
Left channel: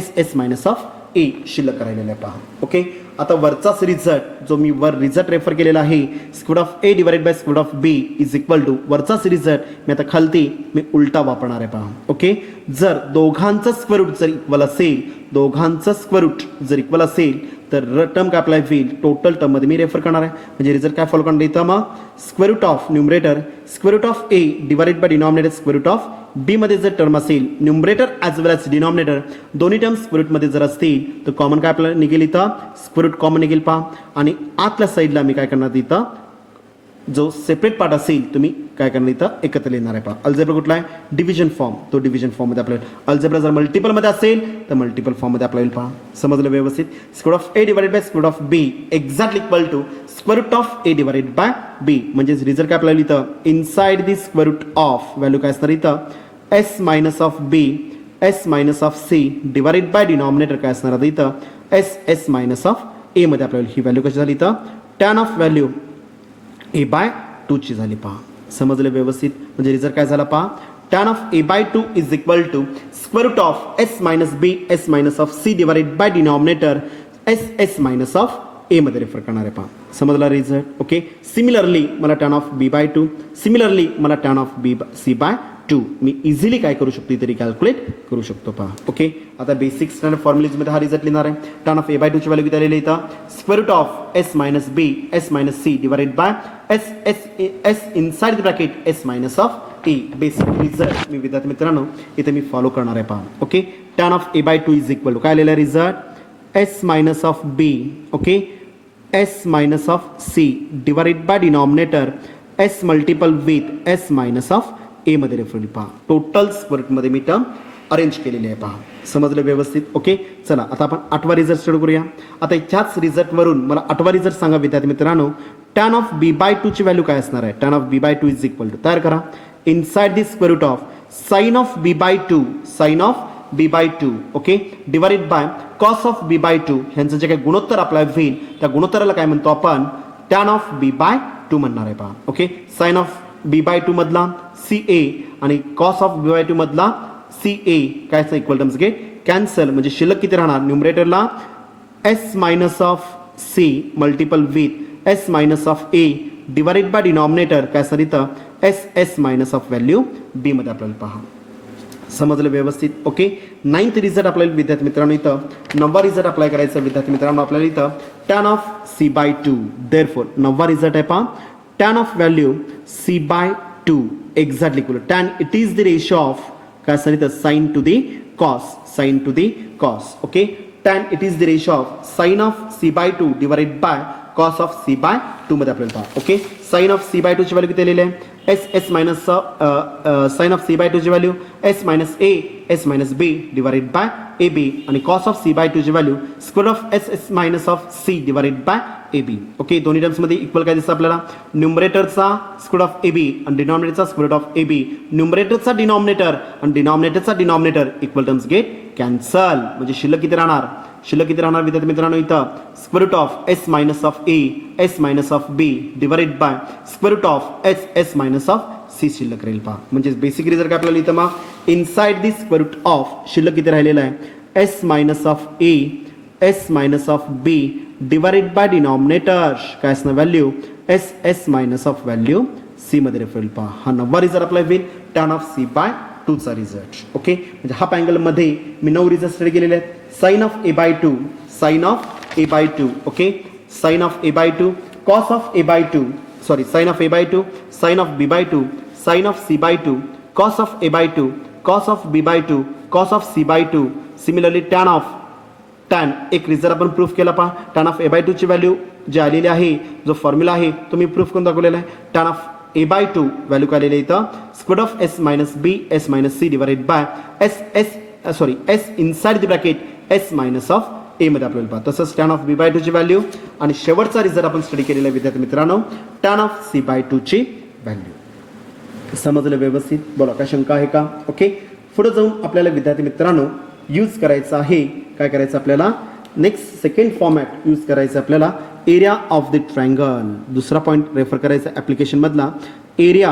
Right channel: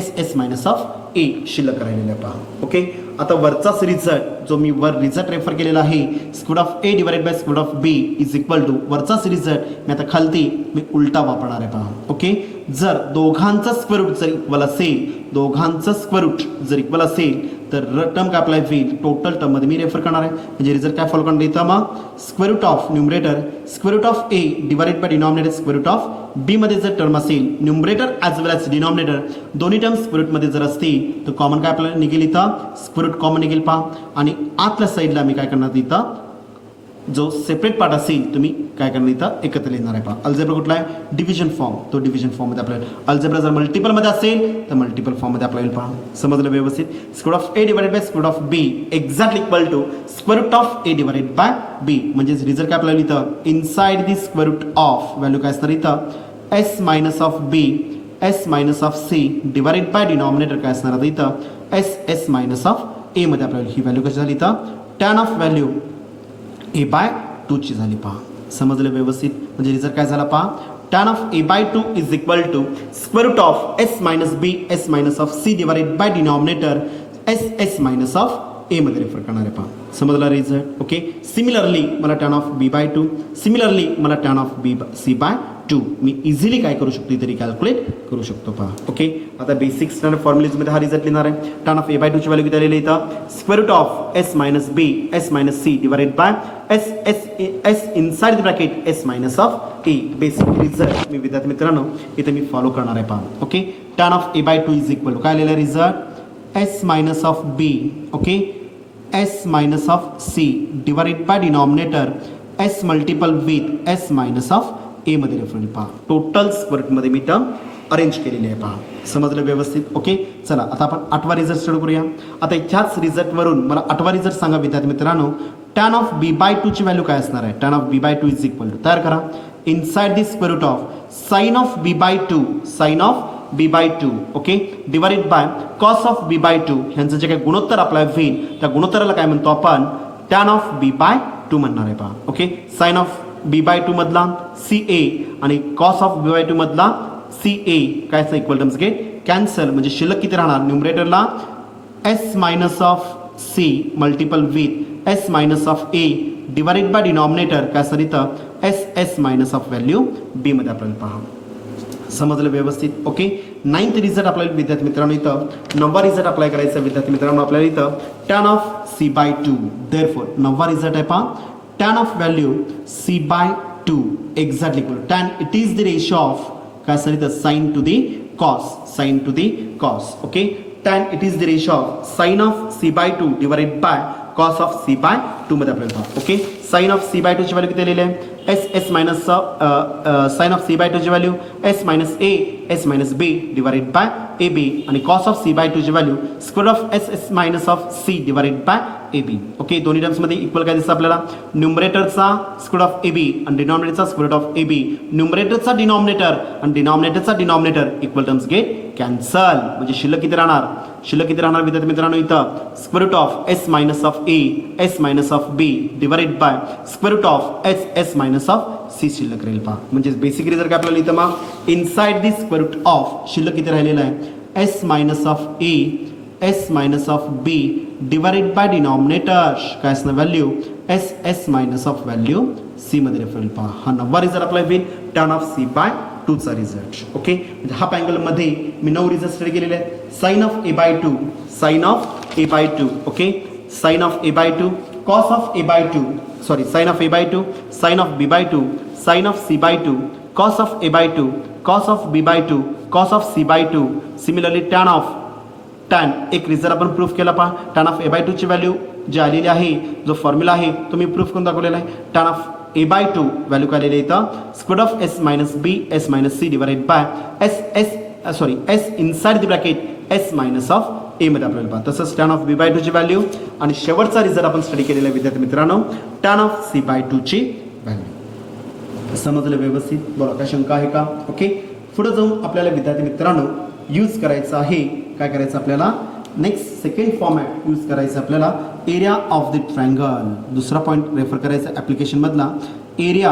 A शिल्लक काय राहिलेलं आहे पहा ओके आता वरचाच रिझल्ट जो मी वर रिझल्ट रेफर केलेला आहे square of A divided by square of B is equal to वरचाच रिझल्ट मी आता खालती मी उलटा वापरणार आहे पहा ओके जर दोघांचा स्क्वेअर रूट जर इक्वल असेल दोघांचं स्क्वेअर रूट जर इक्वल असेल तर टर्म काय अप्लाय होईल टोटल टर्म मध्ये मी रेफर करणार आहे म्हणजे रिझल्ट काय फॉलो करणार इथं मग square root of numerator square root of A divided by denominator square root of B मध्ये जर टर्म असेल numerator as well as denominator दोन्ही टर्म स्क्वेअर रूट मध्ये जर असतील तर कॉमन काय आपल्याला निघेल इथं स्क्वेअर रूट कॉमन निघेल पहा आणि आतल्या साईडला मी काय करणार इथं जो सेपरेट पार्ट असेल तुम्ही काय करणार इथं एकत्र लिहिणार आहे पहा अल्जेब्रा कुठला आहे डिव्हिजन फॉर्म तो डिव्हिजन फॉर्म मध्ये आपल्याला अल्जेब्रा जर मल्टिपल मध्ये असेल तर मल्टिपल फॉर्म मध्ये आपल्याला पहा समजलं व्यवस्थित square of A divided by square of B exact equal to square root of A divided by B म्हणजे रिझल्ट काय आपल्याला इथं inside the square root of value काय असणार इथं S minus of B S minus of C divided by denominator काय असणार आहे इथं S मायनस ऑफ A मध्ये आपल्याला ही व्हॅल्यू कशी झाली इथं tan of value A by 2 ची झाली पहा समजलं व्यवस्थित म्हणजे रिझल्ट काय झाला पहा tan of A by 2 is equal to square root of S minus B S minus of C divided by denominator S minus of A मध्ये रेफर करणार आहे पहा समजला रिझल्ट ओके सिमिलरली मला tan of B by 2 similarly मला tan of C by 2 मी easily काय करू शकतो तरी कॅल्क्युलेट करू शकतो पहा ओके आता बेसिक स्टँडर्ड फॉर्म्युलेजमध्ये हा रिझल्ट लिहिणार आहे टॅन ऑफ A बाय 2 ची व्हॅल्यू किती आलेली इथं square root of S minus B S minus C divided by S inside the bracket S minus of A basic result मी विद्यार्थी मित्रांनो इथे मी फॉलो करणार आहे पहा okay tan of A by 2 is equal to काय आलेला result S minus of B okay S minus of C divided by denominator S multiple with S minus of A मध्ये रेफर पहा टोटल स्क्वेअर मध्ये मी term arrange केलेली आहे पहा समजलं व्यवस्थित ओके चला आता आपण 8वा रिझल्ट स्टडी करूया आता ह्याच रिझल्ट वरून मला 8वा रिझल्ट सांगा विद्यार्थी मित्रांनो टॅन ऑफ B बाय 2 ची व्हॅल्यू काय असणार आहे tan of B by 2 is equal to तयार करा inside the square root of sine of B by 2 sine of B by 2 okay divided by cos of B by 2 ह्यांचं जे काही गुणोत्तर अप्लाय होईल त्या गुणोत्तराला काय म्हणतो आपण टॅन ऑफ B बाय 2 म्हणणार आहे पहा okay sine of B by 2 मधला CA आणि कॉस ऑफ B बाय 2 मधला CA काय असं इक्वल टर्म्स गेट कॅन्सल म्हणजे शिल्लक किती राहणार न्यूमरेटरला S minus of C multiple with S minus of A divided by denominator काय असणार इथं S minus of value B मध्ये आपल्याला पहा समजलं व्यवस्थित ओके 9th रिझल्ट आपल्याला विद्यार्थी मित्रांनो इथं 9वा रिझल्ट अप्लाय करायचा विद्यार्थी मित्रांनो आपल्याला इथं tan of C by 2 therefore 9वा रिझल्ट आहे पहा tan of value C by 2 exactly equal tan it is the ratio of काय असणार इथं sine to the cos okay tan it is the ratio of sine of C by 2 divided by cos of C by 2 मध्ये आपल्याला पहा okay sine of C by two ची value किती आलेली आहे S S minus sine of C by two ची value S minus A S minus B divided by A B आणि cos of C by two ची value square of S S minus of C divided by A B. Okay, दोन्ही terms मध्ये equal काय दिसतं आपल्याला न्यूमरेटरचा square of A B आणि डिनॉमिनेटरचा स्क्वेअर ऑफ ए बी. न्यूमरेटरचा डिनॉमिनेटर आणि डिनॉमिनेटरचा denominator equal terms get cancel. म्हणजे शिल्लक किती राहणार विद्यार्थी मित्रांनो इथं square root of S minus of A S minus of B divided by square root of S S minus of C शिल्लक राहील पहा. म्हणजे बेसिक रिझल्ट काय आपल्याला इथं मग inside the square root of शिल्लक किती राहिलेला आहे S minus of A S minus of B divided by denominator काय असणार value S S minus of value C मध्ये रेफर पहा. हा नववा रिझल्ट आपला होईल tan of C by two चा रिझल्ट. ओके, म्हणजे हाफ अँगल मध्ये मी 9 रिझल्ट स्टडी केलेले आहेत. Sine of A by two sine of A by two okay sine of A by two cos of A by two sorry sine of A by two sine of B by two sine of C by two cos of A by two cos of B by two cos of C by two. Similarly tan एक result आपण proof केला पहा. Tan of A by two ची value जी आलेली आहे जो formula आहे तो मी प्रूफ करून दाखवलेला आहे. Tan of A by two value काय आलेली आहे इथं square of S minus B S minus C divided by S inside the bracket S minus of A मध्ये आपल्याला पहा. तसंच tan of B by two ची व्हॅल्यू आणि शेवटचा रिझल्ट आपण स्टडी केलेला आहे विद्यार्थी मित्रांनो tan of C by two ची व्हॅल्यू. समजलं व्यवस्थित? बोला काय शंका आहे का? ओके, पुढे जाऊन आपल्याला विद्यार्थी मित्रांनो यूज करायचं आहे काय करायचं आपल्याला नेक्स्ट सेकंड फॉर्मॅट यूज करायचं आपल्याला एरिया ऑफ द ट्रायंगल. दुसरा पॉईंट रेफर करायचा ऍप्लिकेशन मधला एरिया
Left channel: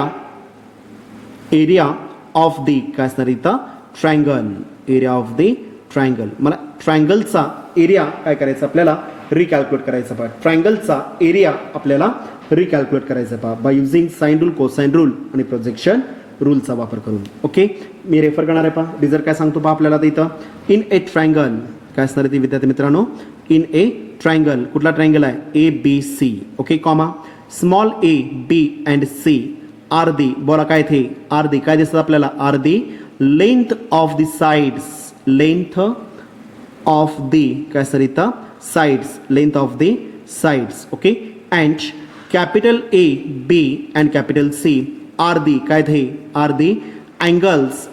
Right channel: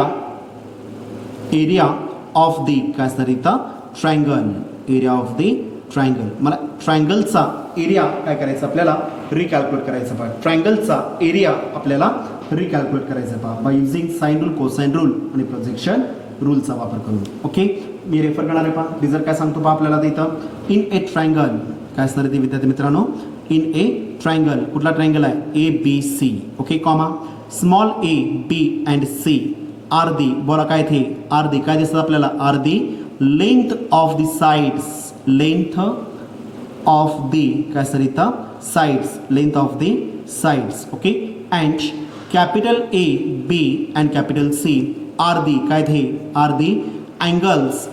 ऑफ द काय असणार इथं triangle area of the triangle. मला ट्रायंगलचा एरिया काय करायचं आपल्याला रिकॅल्क्युलेट करायचा पहा. ट्रायंगलचा एरिया आपल्याला रिकॅल्क्युलेट करायचा पहा by using sine rule cosine rule आणि प्रोजेक्शन रूलचा वापर करून. ओके, मी रेफर करणार आहे पहा. रिझल्ट काय सांगतो पहा आपल्याला इथं इन ए ट्रायंगल काय असणार आहे विद्यार्थी मित्रांनो इन ए ट्रायंगल. कुठला ट्रायंगल आहे A B C okay comma small A B and C are the बोला काय थे आर दी काय दिसतं आपल्याला are the length of the sides length of the काय असणार इथं sides length of the sides okay and capital A B and capital C are the काय they are the angles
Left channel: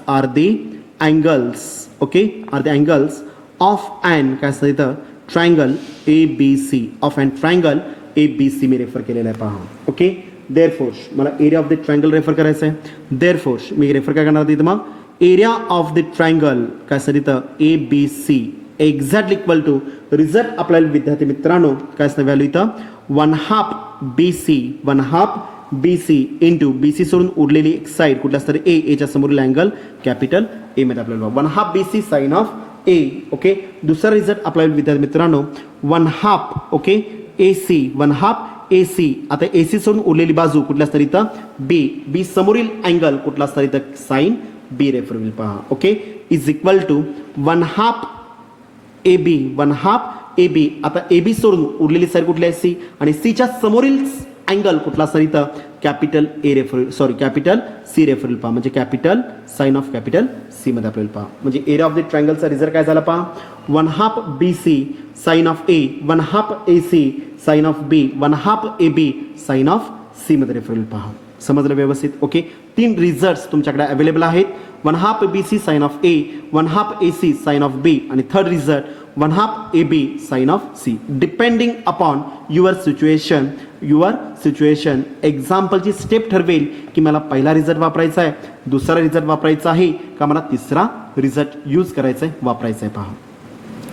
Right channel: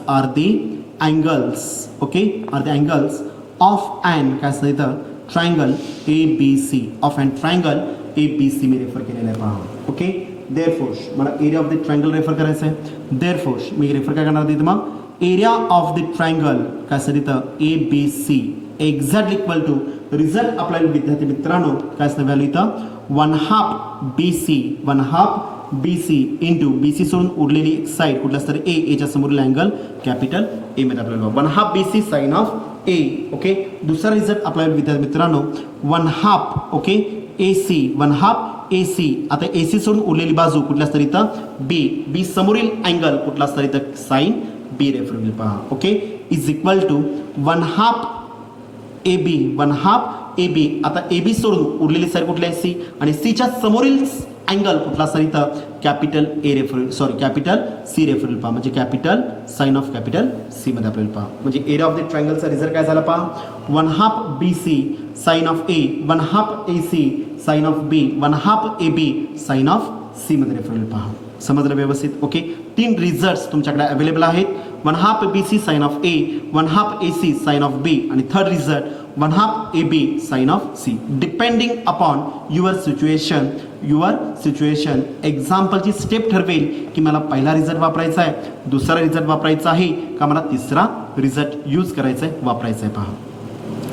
okay are the angles of and काय असतं इथं triangle A B C of and triangle A B C मी refer केलेला आहे पहा. Okay, therefore मला area of the triangle refer करायचं आहे. देअरफोर मी रेफर काय करणार इथं मग एरिया ऑफ द ट्रायंगल काय असतं इथं A B C exactly equal to result आपल्याला विद्यार्थी मित्रांनो काय असतं व्हॅल्यू इथं 1/2 BC इंटू BC सोडून उरलेली एक साइड कुठला असतं ए एच्या समोरील अँगल कॅपिटल ए मध्ये आपल्याला 1/2 BC sine of A. Okay, दुसरा रिझल्ट आपल्याला विद्यार्थी मित्रांनो 1/2 ओके AC 1/2 AC. आता AC सोडून उरलेली बाजू कुठला असतं इथं बी समोरील अँगल कुठला असतं इथं साइन बी रेफर होईल पहा. Okay, is equal to 1/2 AB. आता AB सोडून उरलेली साइड कुठली आहे सी आणि सीच्या समोरील अँगल कुठला असतं इथं capital A refer capital C refer पहा. म्हणजे capital sine of capital C मध्ये आपल्याला पहा. म्हणजे एरिया ऑफ द ट्रायंगलचा रिझल्ट काय झाला पहा 1/2 BC sine of A 1/2 AC sine of B 1/2 AB sine of C मध्ये रेफर पहा. समजलं व्यवस्थित? ओके, 3 रिझल्ट तुमच्याकडे अवेलेबल आहेत 1/2 BC sine of A 1/2 AC sine of B आणि third result 1/2 AB sine of C depending upon your situation एक्झाम्पलची step ठरवेल की मला पहिला रिझल्ट वापरायचा आहे दुसरा रिझल्ट वापरायचा आहे का मला तिसरा रिझल्ट यूज करायचा आहे वापरायचा आहे पहा.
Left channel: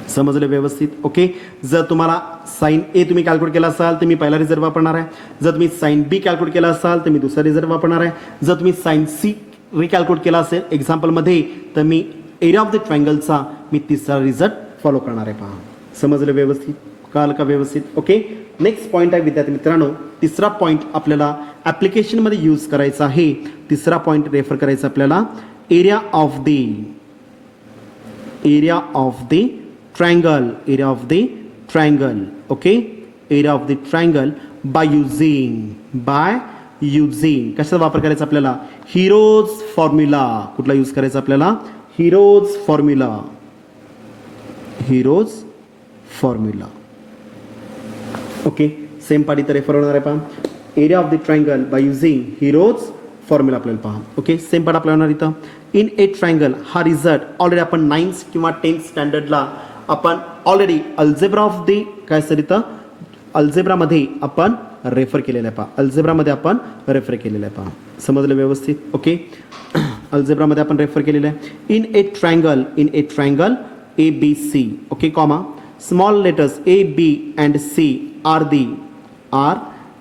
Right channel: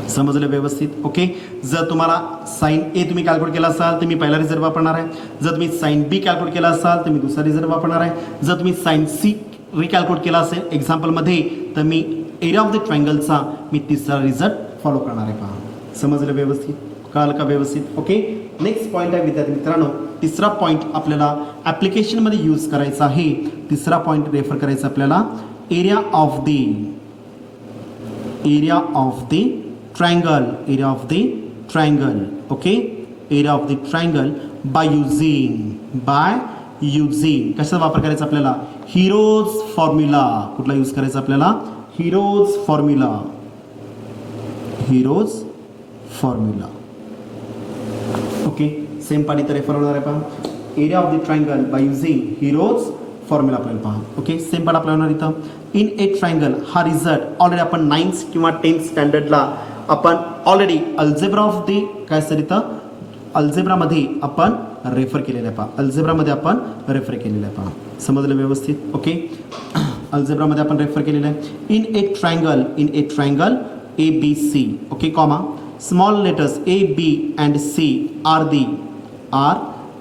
समजलं व्यवस्थित? ओके, जर तुम्हाला साइन ए तुम्ही कॅल्क्युलेट केला असाल तर मी पहिला रिझल्ट वापरणार आहे. जर तुम्ही साइन बी कॅल्क्युलेट केला असाल तर मी दुसरा रिझल्ट वापरणार आहे. जर तुम्ही साइन सी रिकॅल्क्युलेट केला असेल एक्झाम्पलमध्ये तर मी एरिया ऑफ द ट्रायंगलचा मी तिसरा रिझल्ट फॉलो करणार आहे पहा. समजलं व्यवस्थित? कळलं का व्यवस्थित? ओके, नेक्स्ट पॉईंट आहे विद्यार्थी मित्रांनो तिसरा पॉईंट आपल्याला ऍप्लिकेशन मध्ये यूज करायचा आहे. तिसरा पॉईंट रेफर करायचा आपल्याला area of the triangle okay area of the triangle by using कशाचा वापर करायचा आपल्याला हिरोज फॉर्म्युला. कुठला यूज करायचा आपल्याला हिरोज फॉर्म्युला. ओके, सेम पाडी तर रेफर होणार आहे पहा area of the triangle by using Heron's formula आपल्याला पहा. ओके, सेम पण आपल्याला इथं इन ए ट्रायंगल हा रिझल्ट ऑलरेडी आपण 9th किंवा 10th स्टँडर्डला आपण ऑलरेडी अल्जेब्रा ऑफ दी काय सर इथं अल्जेब्रामध्ये आपण रेफर केलेलं आहे पहा. अल्जेब्रामध्ये आपण रेफर केलेलं आहे पहा. समजलं व्यवस्थित. ओके, अल्जेब्रामध्ये आपण रेफर केलेलं आहे. In a triangle A B C. Okay, comma small letters A B and C are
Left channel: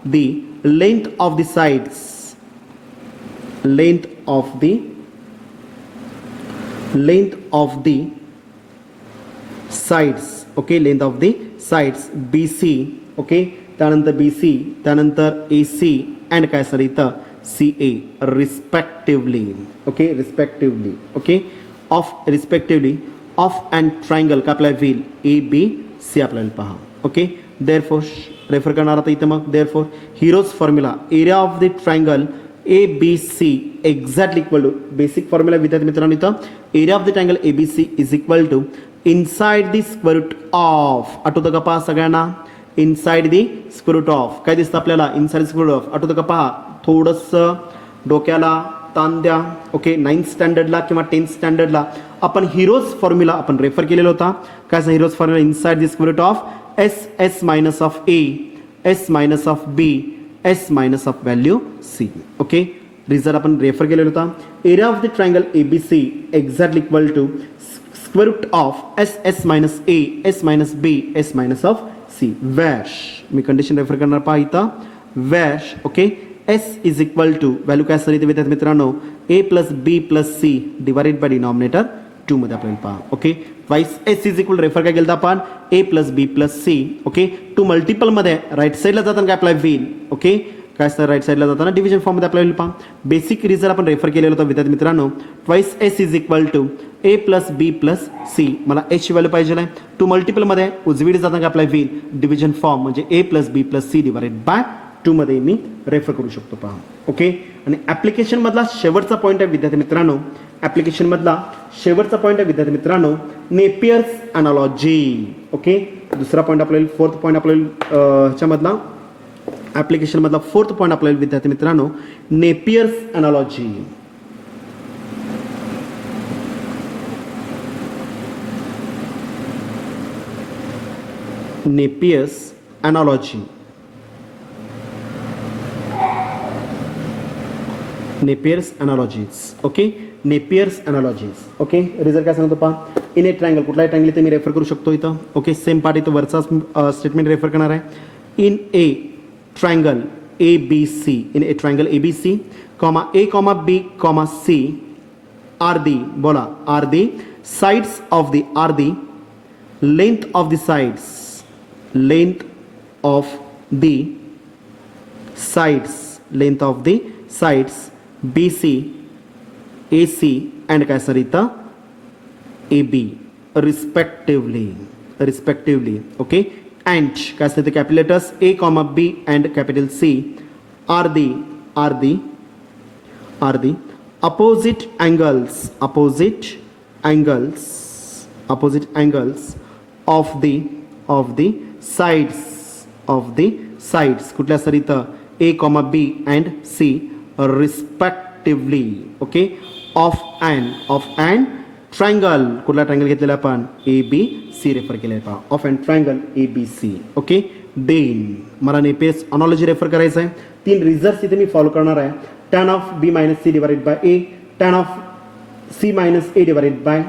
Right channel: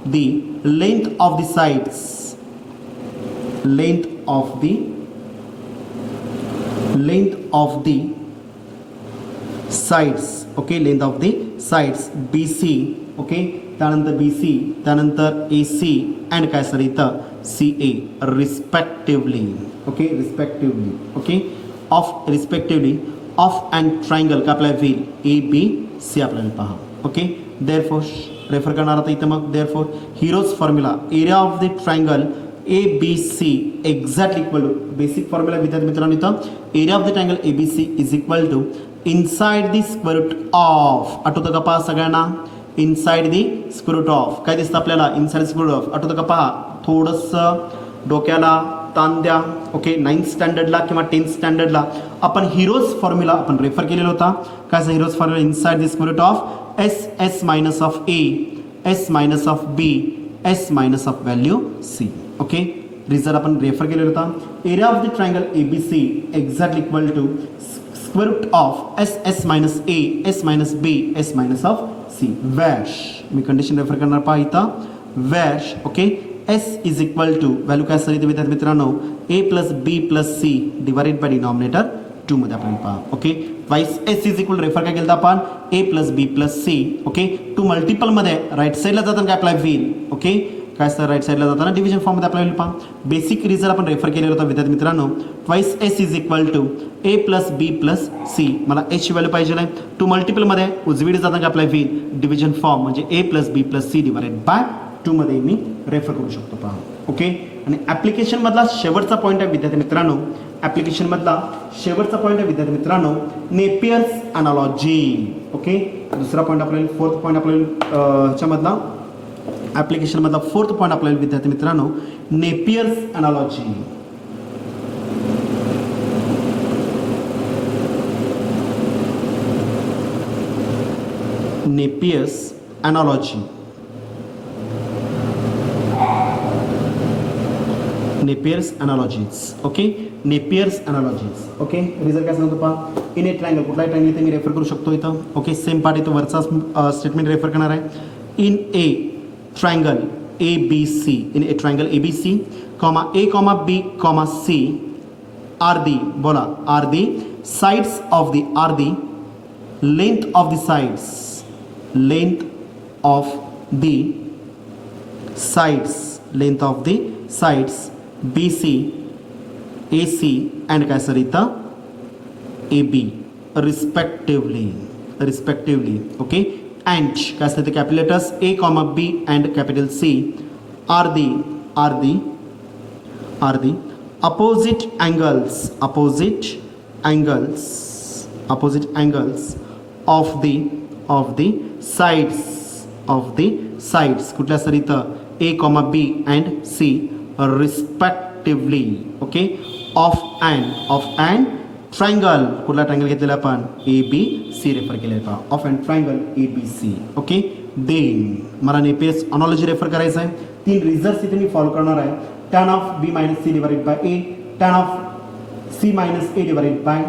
the length of the sides. length of the sides. okay, length of the sides BC. okay, त्यानंतर BC, त्यानंतर AC and काय sir इथं CA respectively. okay, respectively. okay, of and triangle का आपल्याला होईल ABC आपल्याला पहा. Okay, therefore refer करणार आता इथं मग therefore heroes formula area of the triangle ABC exactly equal to basic formula विद्यार्थी मित्रांनो इथं area of the triangle ABC is equal to inside the square root of. आठवतं का पहा सगळ्यांना inside the square root of काय दिसतं आपल्याला inside the square root of. आठवतं का पहा थोडंसं डोक्याला ताण द्या. ओके, 9th स्टँडर्डला किंवा 10th स्टँडर्डला आपण हिरोज फॉर्म्युला आपण रेफर केलेला होता. काय Hero's formula inside the square root of S minus of A, S minus of B, S minus of value C. Okay, result आपण रेफर केलेला होता. Area of the triangle ABC exactly equal to square root of S minus A, S minus B, S minus of C. वॅश मी condition refer करणार पहा इथं वॅश. Okay, S is equal to value काय सर इथे विद्यार्थी मित्रांनो A plus B plus C divided by denominator 2 मध्ये आपण पहा. Okay, twice S is equal refer काय केलं आपण A plus B plus C. Okay, two multiple मध्ये राईट साईडला जाताना काय अप्लाय होईल. ओके, काय सर राईट साईडला जाताना डिव्हिजन फॉर्म मध्ये अप्लाय होईल पहा. बेसिक रिझल्ट आपण रेफर केलेला होता विद्यार्थी मित्रांनो twice S is equal to A plus B plus C. मला H ची व्हॅल्यू पाहिजे आहे. टू मल्टिपल मध्ये उजवीकडे जाताना काय अप्लाय होईल डिव्हिजन फॉर्म म्हणजे A plus B plus C divided by 2 मध्ये मी रेफर करू शकतो पहा. ओके, आणि ऍप्लिकेशन मधला शेवटचा पॉईंट आहे विद्यार्थी मित्रांनो ऍप्लिकेशन मधला शेवटचा पॉईंट आहे विद्यार्थी मित्रांनो नेपियर्स अनालॉजी. ओके, दुसरा पॉईंट आपल्याला फोर्थ पॉईंट आपल्याला ह्याच्यामधला ऍप्लिकेशन मधला फोर्थ पॉईंट आपल्याला विद्यार्थी मित्रांनो Napier's analogy. Napier's analogy. Napier's analogies. Okay, Napier's analogies. Okay, result काय सांगतो पहा इन ए ट्रायंगल कुठलाही ट्रायंगल इथे मी रेफर करू शकतो इथं. ओके, सेम पार्ट इथं वरचा स्टेटमेंट रेफर करणार आहे. In a triangle ABC, in a triangle ABC comma A comma B comma C are the बोला are the sides of the are the length of the sides, length of the sides, length of the sides BC, AC and काय sir इथं AB respectively. Okay, and काय असते ते capital letters A comma B and capital C are the opposite angles of the sides कुठल्या sir इथं A comma B and C respectively. Okay, of and triangle कुठला triangle घेतलेला आपण ABC refer केलाय पहा of and triangle ABC. Okay, then मला Napier's analogy refer करायचं आहे. 3 रिझल्ट इथे मी फॉलो करणार आहे. tan of B minus C divided bye A, tan of C minus A divided by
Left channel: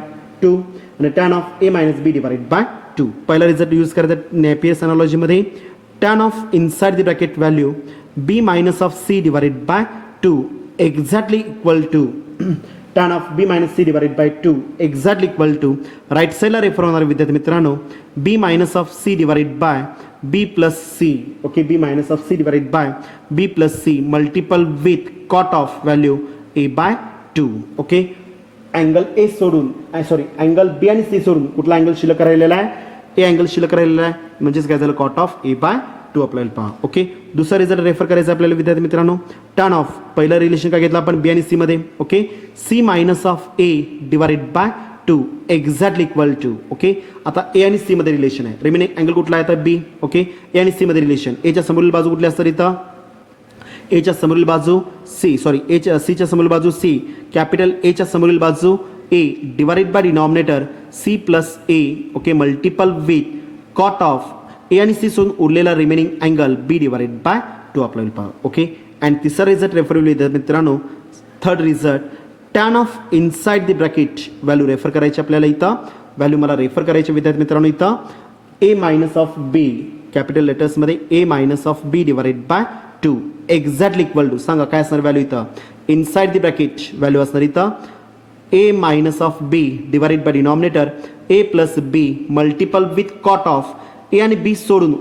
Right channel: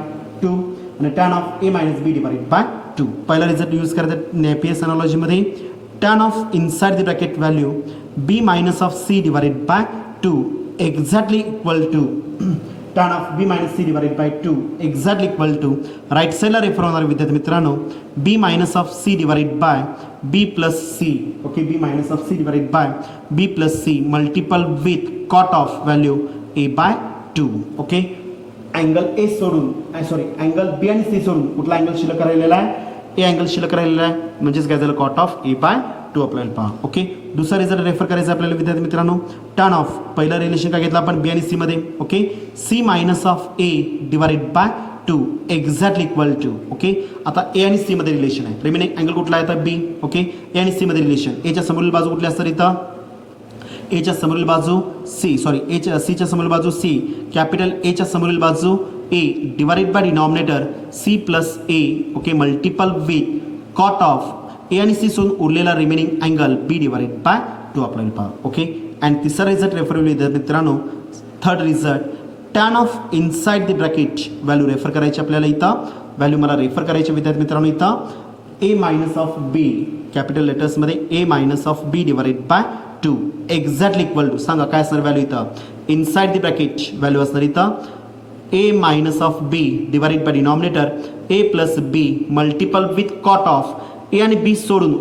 2 आणि tan of A minus B divided by 2. पहिला result use करायचा नेपियर्स अनालॉजी मध्ये tan of inside the bracket value B minus of C divided by 2 exactly equal to tan of B minus C divided by 2 exactly equal to right side ला refer होणार विद्यार्थी मित्रांनो B minus of C divided by B plus C. okay, B minus of C divided by B plus C multiple with cot of value A by 2. Okay, angle A सोडून angle B आणि C सोडून कुठला angle शिल्लक राहिलेला आहे A angle शिल्लक राहिलेला आहे म्हणजेच काय झालं कॉट ऑफ A by 2 आपल्याला पहा. ओके, दुसरा रिझल्ट रेफर करायचा आपल्याला विद्यार्थी मित्रांनो टर्न ऑफ पहिलं रिलेशन काय घेतलं आपण B आणि C मध्ये. Okay, C minus of A divided by 2 exactly equal to. Okay, आता A आणि C मध्ये रिलेशन आहे. रिमेनिंग अँगल कुठला आहे तर B. ओके, A आणि C मध्ये रिलेशन. A च्या समोरील बाजू कुठली असतात इथं एच्या समोरील बाजू सी सीच्या समोरील बाजू सी, कॅपिटल एच्या समोरील बाजू A divided by denominator C plus A, okay, multiple with cot of A आणि सी सोडून उरलेला remaining angle B divided by 2 आपल्याला पहा. ओके, आणि तिसरा रिझल्ट रेफर मित्रांनो, third result tan of inside the bracket value refer करायची आपल्याला इथं, व्हॅल्यू मला रेफर करायची विद्यार्थी मित्रांनो इथं A minus of B, capital लेटर्समध्ये A minus of B divided by 2 exactly equal to, सांगा काय असणार व्हॅल्यू इथं, इनसाइड द ब्रॅकेट व्हॅल्यू असणार इथं A minus of B divided by denominator A plus B multiple with cot of A आणि B सोडून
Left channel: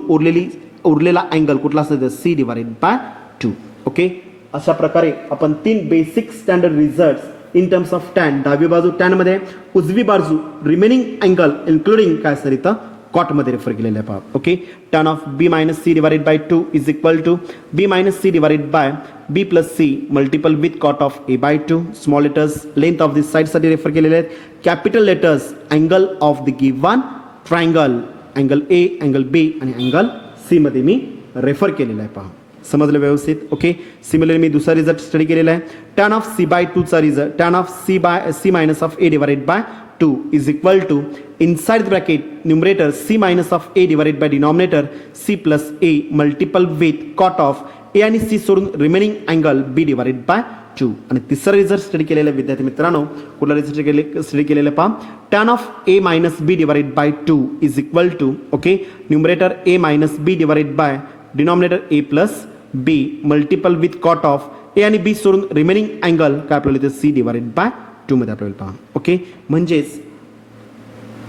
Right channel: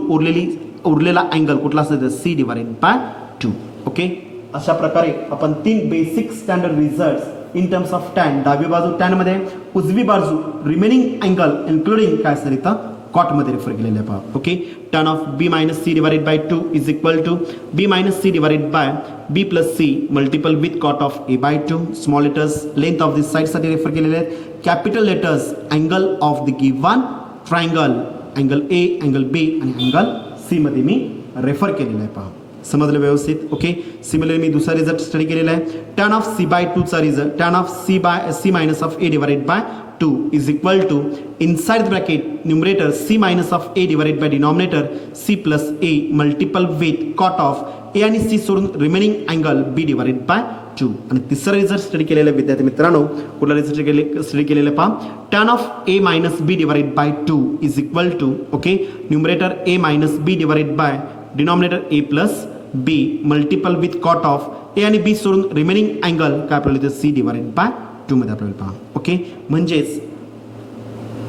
उरलेला अँगल कुठला असेल तर सी डिवाइडेड बाय 2. ओके, अशा प्रकारे आपण 3 basic standard result in terms of tan, डावी बाजू टॅन मध्ये, उजवी बाजू रिमेनिंग अँगल इन्क्लुडिंग काय असेल इथं कॉट मध्ये रेफर केलेलं आहे पहा. Okay, tan of B minus C divided by 2 is equal to B minus C divided by B plus C multiple with cot of A by 2. Small letters length of this side साठी refer केलेले आहेत, capital letters angle of the given triangle, angle A, angle B आणि angle C मध्ये मी refer केलेलं आहे पहा. समजलं व्यवस्थित. ओके, सिमिलरली मी दुसरा रिझल्ट स्टडी केलेला आहे, टॅन ऑफ सी बाय 2 चा result, tan of C minus of A divided by 2 is equal to inside bracket numerator C minus of A divided by denominator C plus A multiple with cot of A आणि C सोडून remaining angle B divided by 2. आणि तिसरा result study केलेला विद्यार्थी मित्रांनो, कुठला result study केलेला पहा, tan of A minus B divided by 2 is equal to, okay, numerator A minus B divided by denominator A plus B multiple with cot of A आणि B सोडून remaining angle काय आपल्याला इथे C divided by 2 मध्ये आपल्याला पहा. Okay, म्हणजेच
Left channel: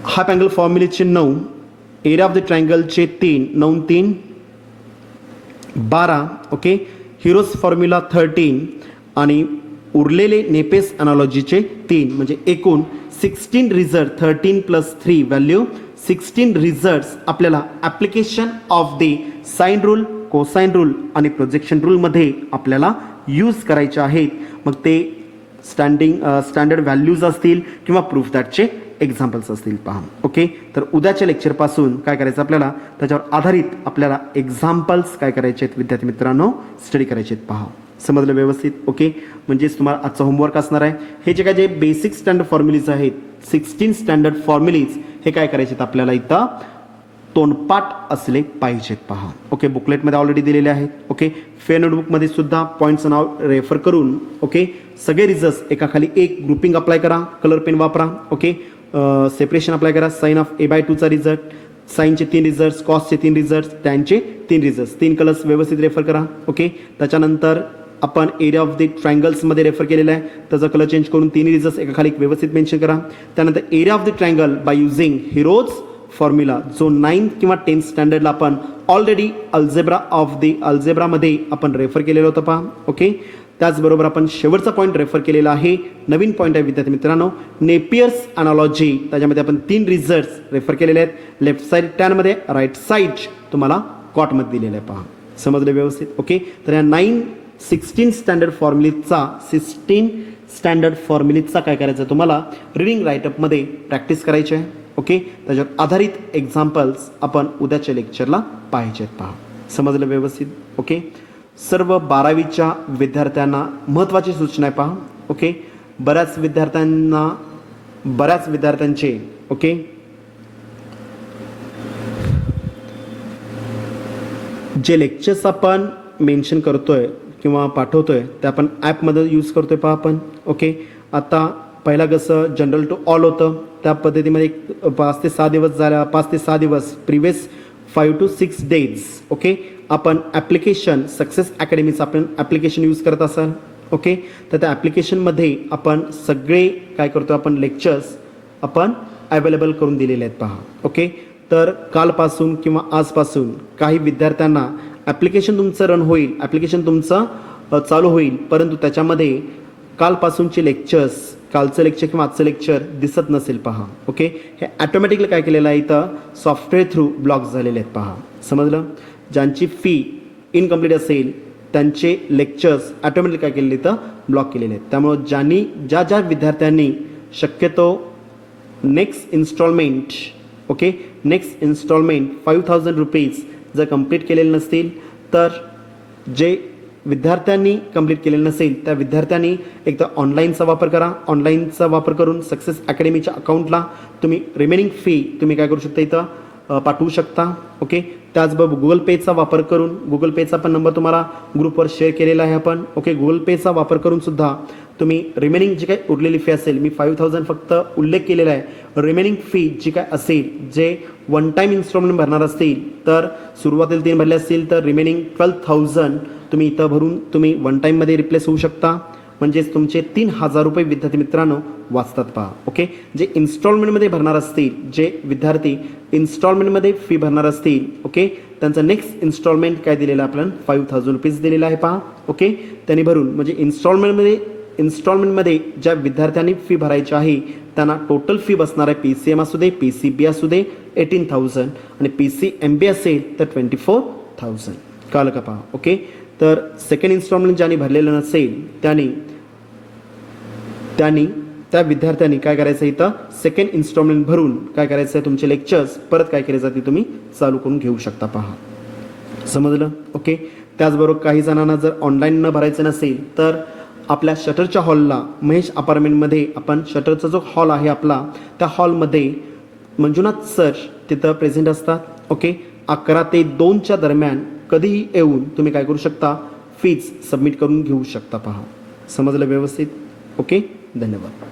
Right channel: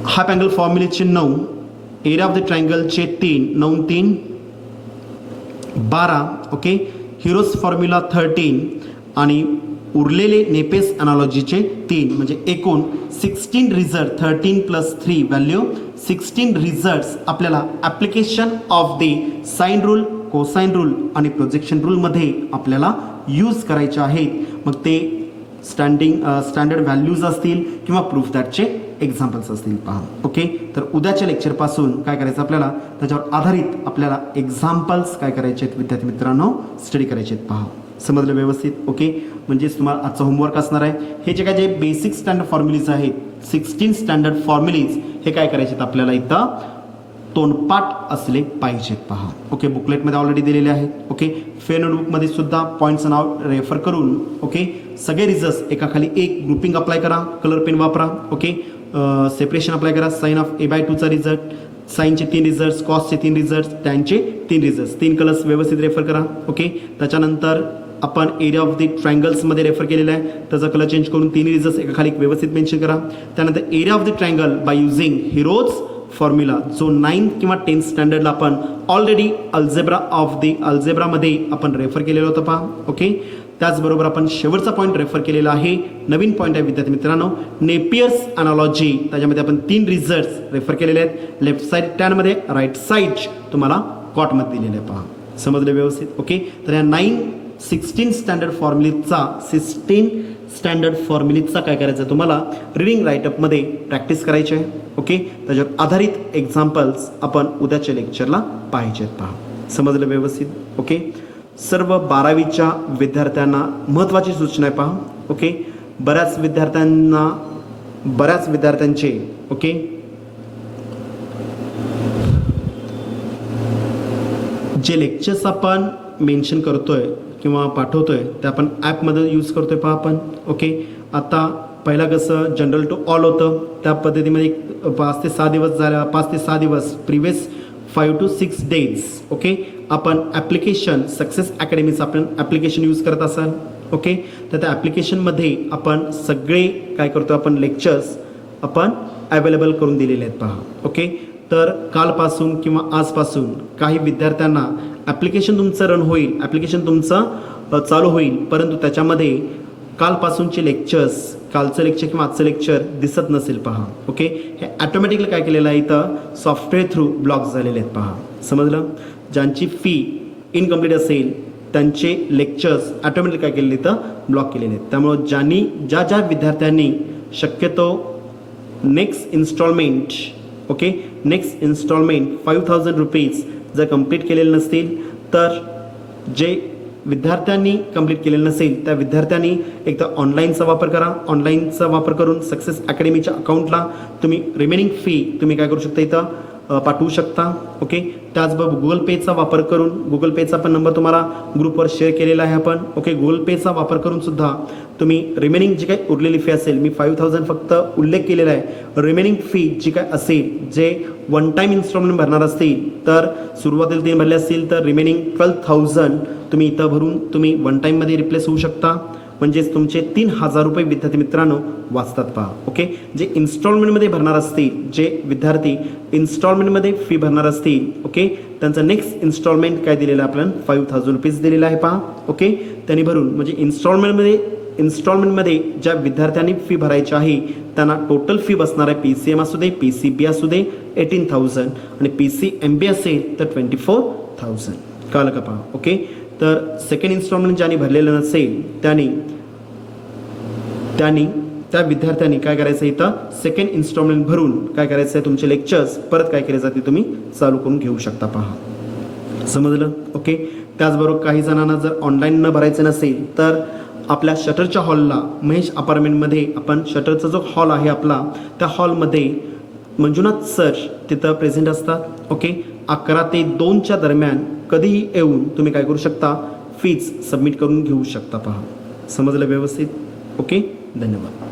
half angle फॉर्म्युलेचे 9, एरिया ऑफ द ट्रायंगलचे 3, 9 3 12, ओके, हिरोज फॉर्म्युला 13 आणि उरलेले नेपेस अनालॉजीचे 3, म्हणजे एकूण 16 रिझल्ट, 13 प्लस 3 व्हॅल्यू 16 रिझल्ट्स आपल्याला application of the sine rule, cosine rule आणि प्रोजेक्शन रूल मध्ये आपल्याला यूज करायचे आहेत. मग ते स्टँडर्ड व्हॅल्यूज असतील किंवा प्रूफ दॅटचे एक्झाम्पल्स असतील पहा. ओके, तर उद्याच्या लेक्चरपासून काय करायचं आपल्याला, त्याच्यावर आधारित आपल्याला एक्झाम्पल्स काय करायचे आहेत विद्यार्थी मित्रांनो, स्टडी करायचे आहेत पहा. समजलं व्यवस्थित. ओके, म्हणजेच तुम्हाला आजचा होमवर्क असणार आहे, हे जे काय जे बेसिक स्टँडर्ड फॉर्म्युलीज आहेत, 16 स्टँडर्ड फॉर्म्युलीज हे काय करायचे आहेत आपल्याला इथं तोंडपाठ असले पाहिजेत पहा. ओके, बुकलेटमध्ये ऑलरेडी दिलेले आहेत. ओके, फेअर नोटबुकमध्ये सुद्धा पॉईंटचं नाव रेफर करून ओके सगळे रिझल्ट एका खाली एक ग्रुपिंग अप्लाय करा, कलर पेन वापरा. ओके, सेपरेशन अप्लाय करा, साइन ऑफ ए बाय 2 चा रिझल्ट, साइनचे 3 रिझल्ट, कॉसचे 3 रिझल्ट, टॅनचे 3 रिझल्ट, 3 कलर्स व्यवस्थित रेफर करा. ओके, त्याच्यानंतर आपण एरिया ऑफ द ट्रायंगल्समध्ये रेफर केलेला आहे, त्याचा कलर चेंज करून 3 रिझल्ट एका खाली व्यवस्थित मेन्शन करा. त्यानंतर area of the triangle by using Heron's formula, जो 9 किंवा 10 स्टँडर्डला आपण ऑलरेडी अल्जेब्रामध्ये आपण रेफर केलेला होता पहा. ओके, त्याचबरोबर आपण शेवटचा पॉईंट रेफर केलेला आहे, नवीन पॉईंट आहे विद्यार्थी मित्रांनो, नेपियर्स अनालॉजी, त्याच्यामध्ये आपण 3 रिझल्ट रेफर केलेले आहेत, लेफ्ट साईड टॅनमध्ये, राईट साईड तुम्हाला कॉटमध्ये दिलेलं आहे पहा. समजलं व्यवस्थित. ओके, तर या 16 स्टँडर्ड फॉर्म्युलीजचा काय करायचं तुम्हाला रिडिंग राईटअपमध्ये प्रॅक्टिस करायची आहे. ओके, त्याच्यावर आधारित एक्झाम्पल्स आपण उद्याच्या लेक्चरला पाहिजेत पहा. समजलं व्यवस्थित. ओके, सर्व 12वीच्या विद्यार्थ्यांना महत्त्वाची सूचना आहे पहा. ओके, बऱ्याच विद्यार्थ्यांचे ओके जे लेक्चर्स आपण मेन्शन करतोय किंवा पाठवतोय ते आपण ॲपमध्ये यूज करतोय पहा आपण. ओके, आता पहिला कसं जनरल टू ऑल होतं, त्या पद्धतीमध्ये 5 ते 6 दिवस प्रिव्हियस 5 to 6 days ओके आपण ॲप्लिकेशन सक्सेस अकॅडमीचं आपण ॲप्लिकेशन यूज करत असाल. ओके, तर त्या ॲप्लिकेशनमध्ये आपण सगळे काय करतो, आपण लेक्चर्स आपण अवेलेबल करून दिलेले आहेत पहा. ओके, तर कालपासून किंवा आजपासून काही विद्यार्थ्यांना ॲप्लिकेशन तुमचं रन होईल, ॲप्लिकेशन तुमचं चालू होईल, परंतु त्याच्यामध्ये कालपासूनचे लेक्चर्स, कालचं लेक्चर किंवा आजचं लेक्चर दिसत नसेल पहा. ओके, हे ऑटोमॅटिकली काय केलेलं आहे, इथं सॉफ्टवेअर थ्रू ब्लॉक झालेले आहेत पहा. समजलं. ज्यांची फी इनकम्प्लीट असेल त्यांचे लेक्चर्स ऑटोमॅटिक काय केलेले इथं ब्लॉक केलेले आहेत. त्यामुळं ज्या विद्यार्थ्यांनी शक्यतो नेक्स्ट इन्स्टॉलमेंट 5000 रुपीज जर कंप्लीट केलेले नसतील तर जे विद्यार्थ्यांनी कंप्लीट केलेलं नसेल त्या विद्यार्थ्यांनी एकदा ऑनलाईनचा वापर करा. ऑनलाईनचा वापर करून सक्सेस अकॅडमीच्या अकाउंटला तुम्ही रिमेनिंग फी तुम्ही काय करू शकता इथं पाठवू शकता. ओके, त्याचबरोबर गुगल पेचा वापर करून, गुगल पेचा पण नंबर तुम्हाला ग्रुपवर शेअर केलेला आहे आपण. ओके, गुगल पेचा वापर करून सुद्धा तुम्ही रिमेनिंग जी काही उरलेली फी असेल, मी 5000 फक्त उल्लेख केलेला आहे. रिमेनिंग फी जी काय असेल, जे वन टाईम इन्स्टॉलमेंट भरणार असतील तर सुरुवातीला 3 भरले असतील तर रिमेनिंग 12,000 तुम्ही इथं भरून तुम्ही वन टाईममध्ये रिप्लेस होऊ शकता. म्हणजेच तुमचे 3000 रुपये विद्यार्थी मित्रांनो वाचतात पहा. ओके, जे इन्स्टॉलमेंटमध्ये भरणार असतील, जे विद्यार्थी इन्स्टॉलमेंटमध्ये फी भरणार असतील, ओके, त्यांचं नेक्स्ट इन्स्टॉलमेंट काय दिलेलं आहे आपण 5000 रुपीज दिलेलं आहे पहा. ओके, त्यांनी भरून म्हणजे इन्स्टॉलमेंटमध्ये ज्या विद्यार्थ्यांनी फी भरायची आहे त्यांना टोटल फी बसणार आहे PCM असू दे, PCB असू दे 18,000 आणि PCMB असेल तर 24,000. कळलं का पहा. ओके, तर सेकंड इन्स्टॉलमेंट ज्यांनी भरलेलं नसेल त्यांनी त्या विद्यार्थ्यांनी काय करायचं इथं सेकंड इन्स्टॉलमेंट भरून काय करायचं आहे तुमचे लेक्चर्स परत काय केले जाते तुम्ही चालू करून घेऊ शकता पहा. समजलं. ओके, त्याचबरोबर काही जणांना जर ऑनलाईन न भरायचं नसेल तर आपल्या शटरच्या हॉलला महेश अपार्टमेंटमध्ये आपण शटरचा जो हॉल आहे आपला त्या हॉलमध्ये मंजुनाथ सर तिथं प्रेझेंट असतात. ओके, 11 ते 2च्या दरम्यान कधीही येऊन तुम्ही काय करू शकता फीज सबमिट करून घेऊ शकता पहा. समजलं व्यवस्थित. ओके, धन्यवाद.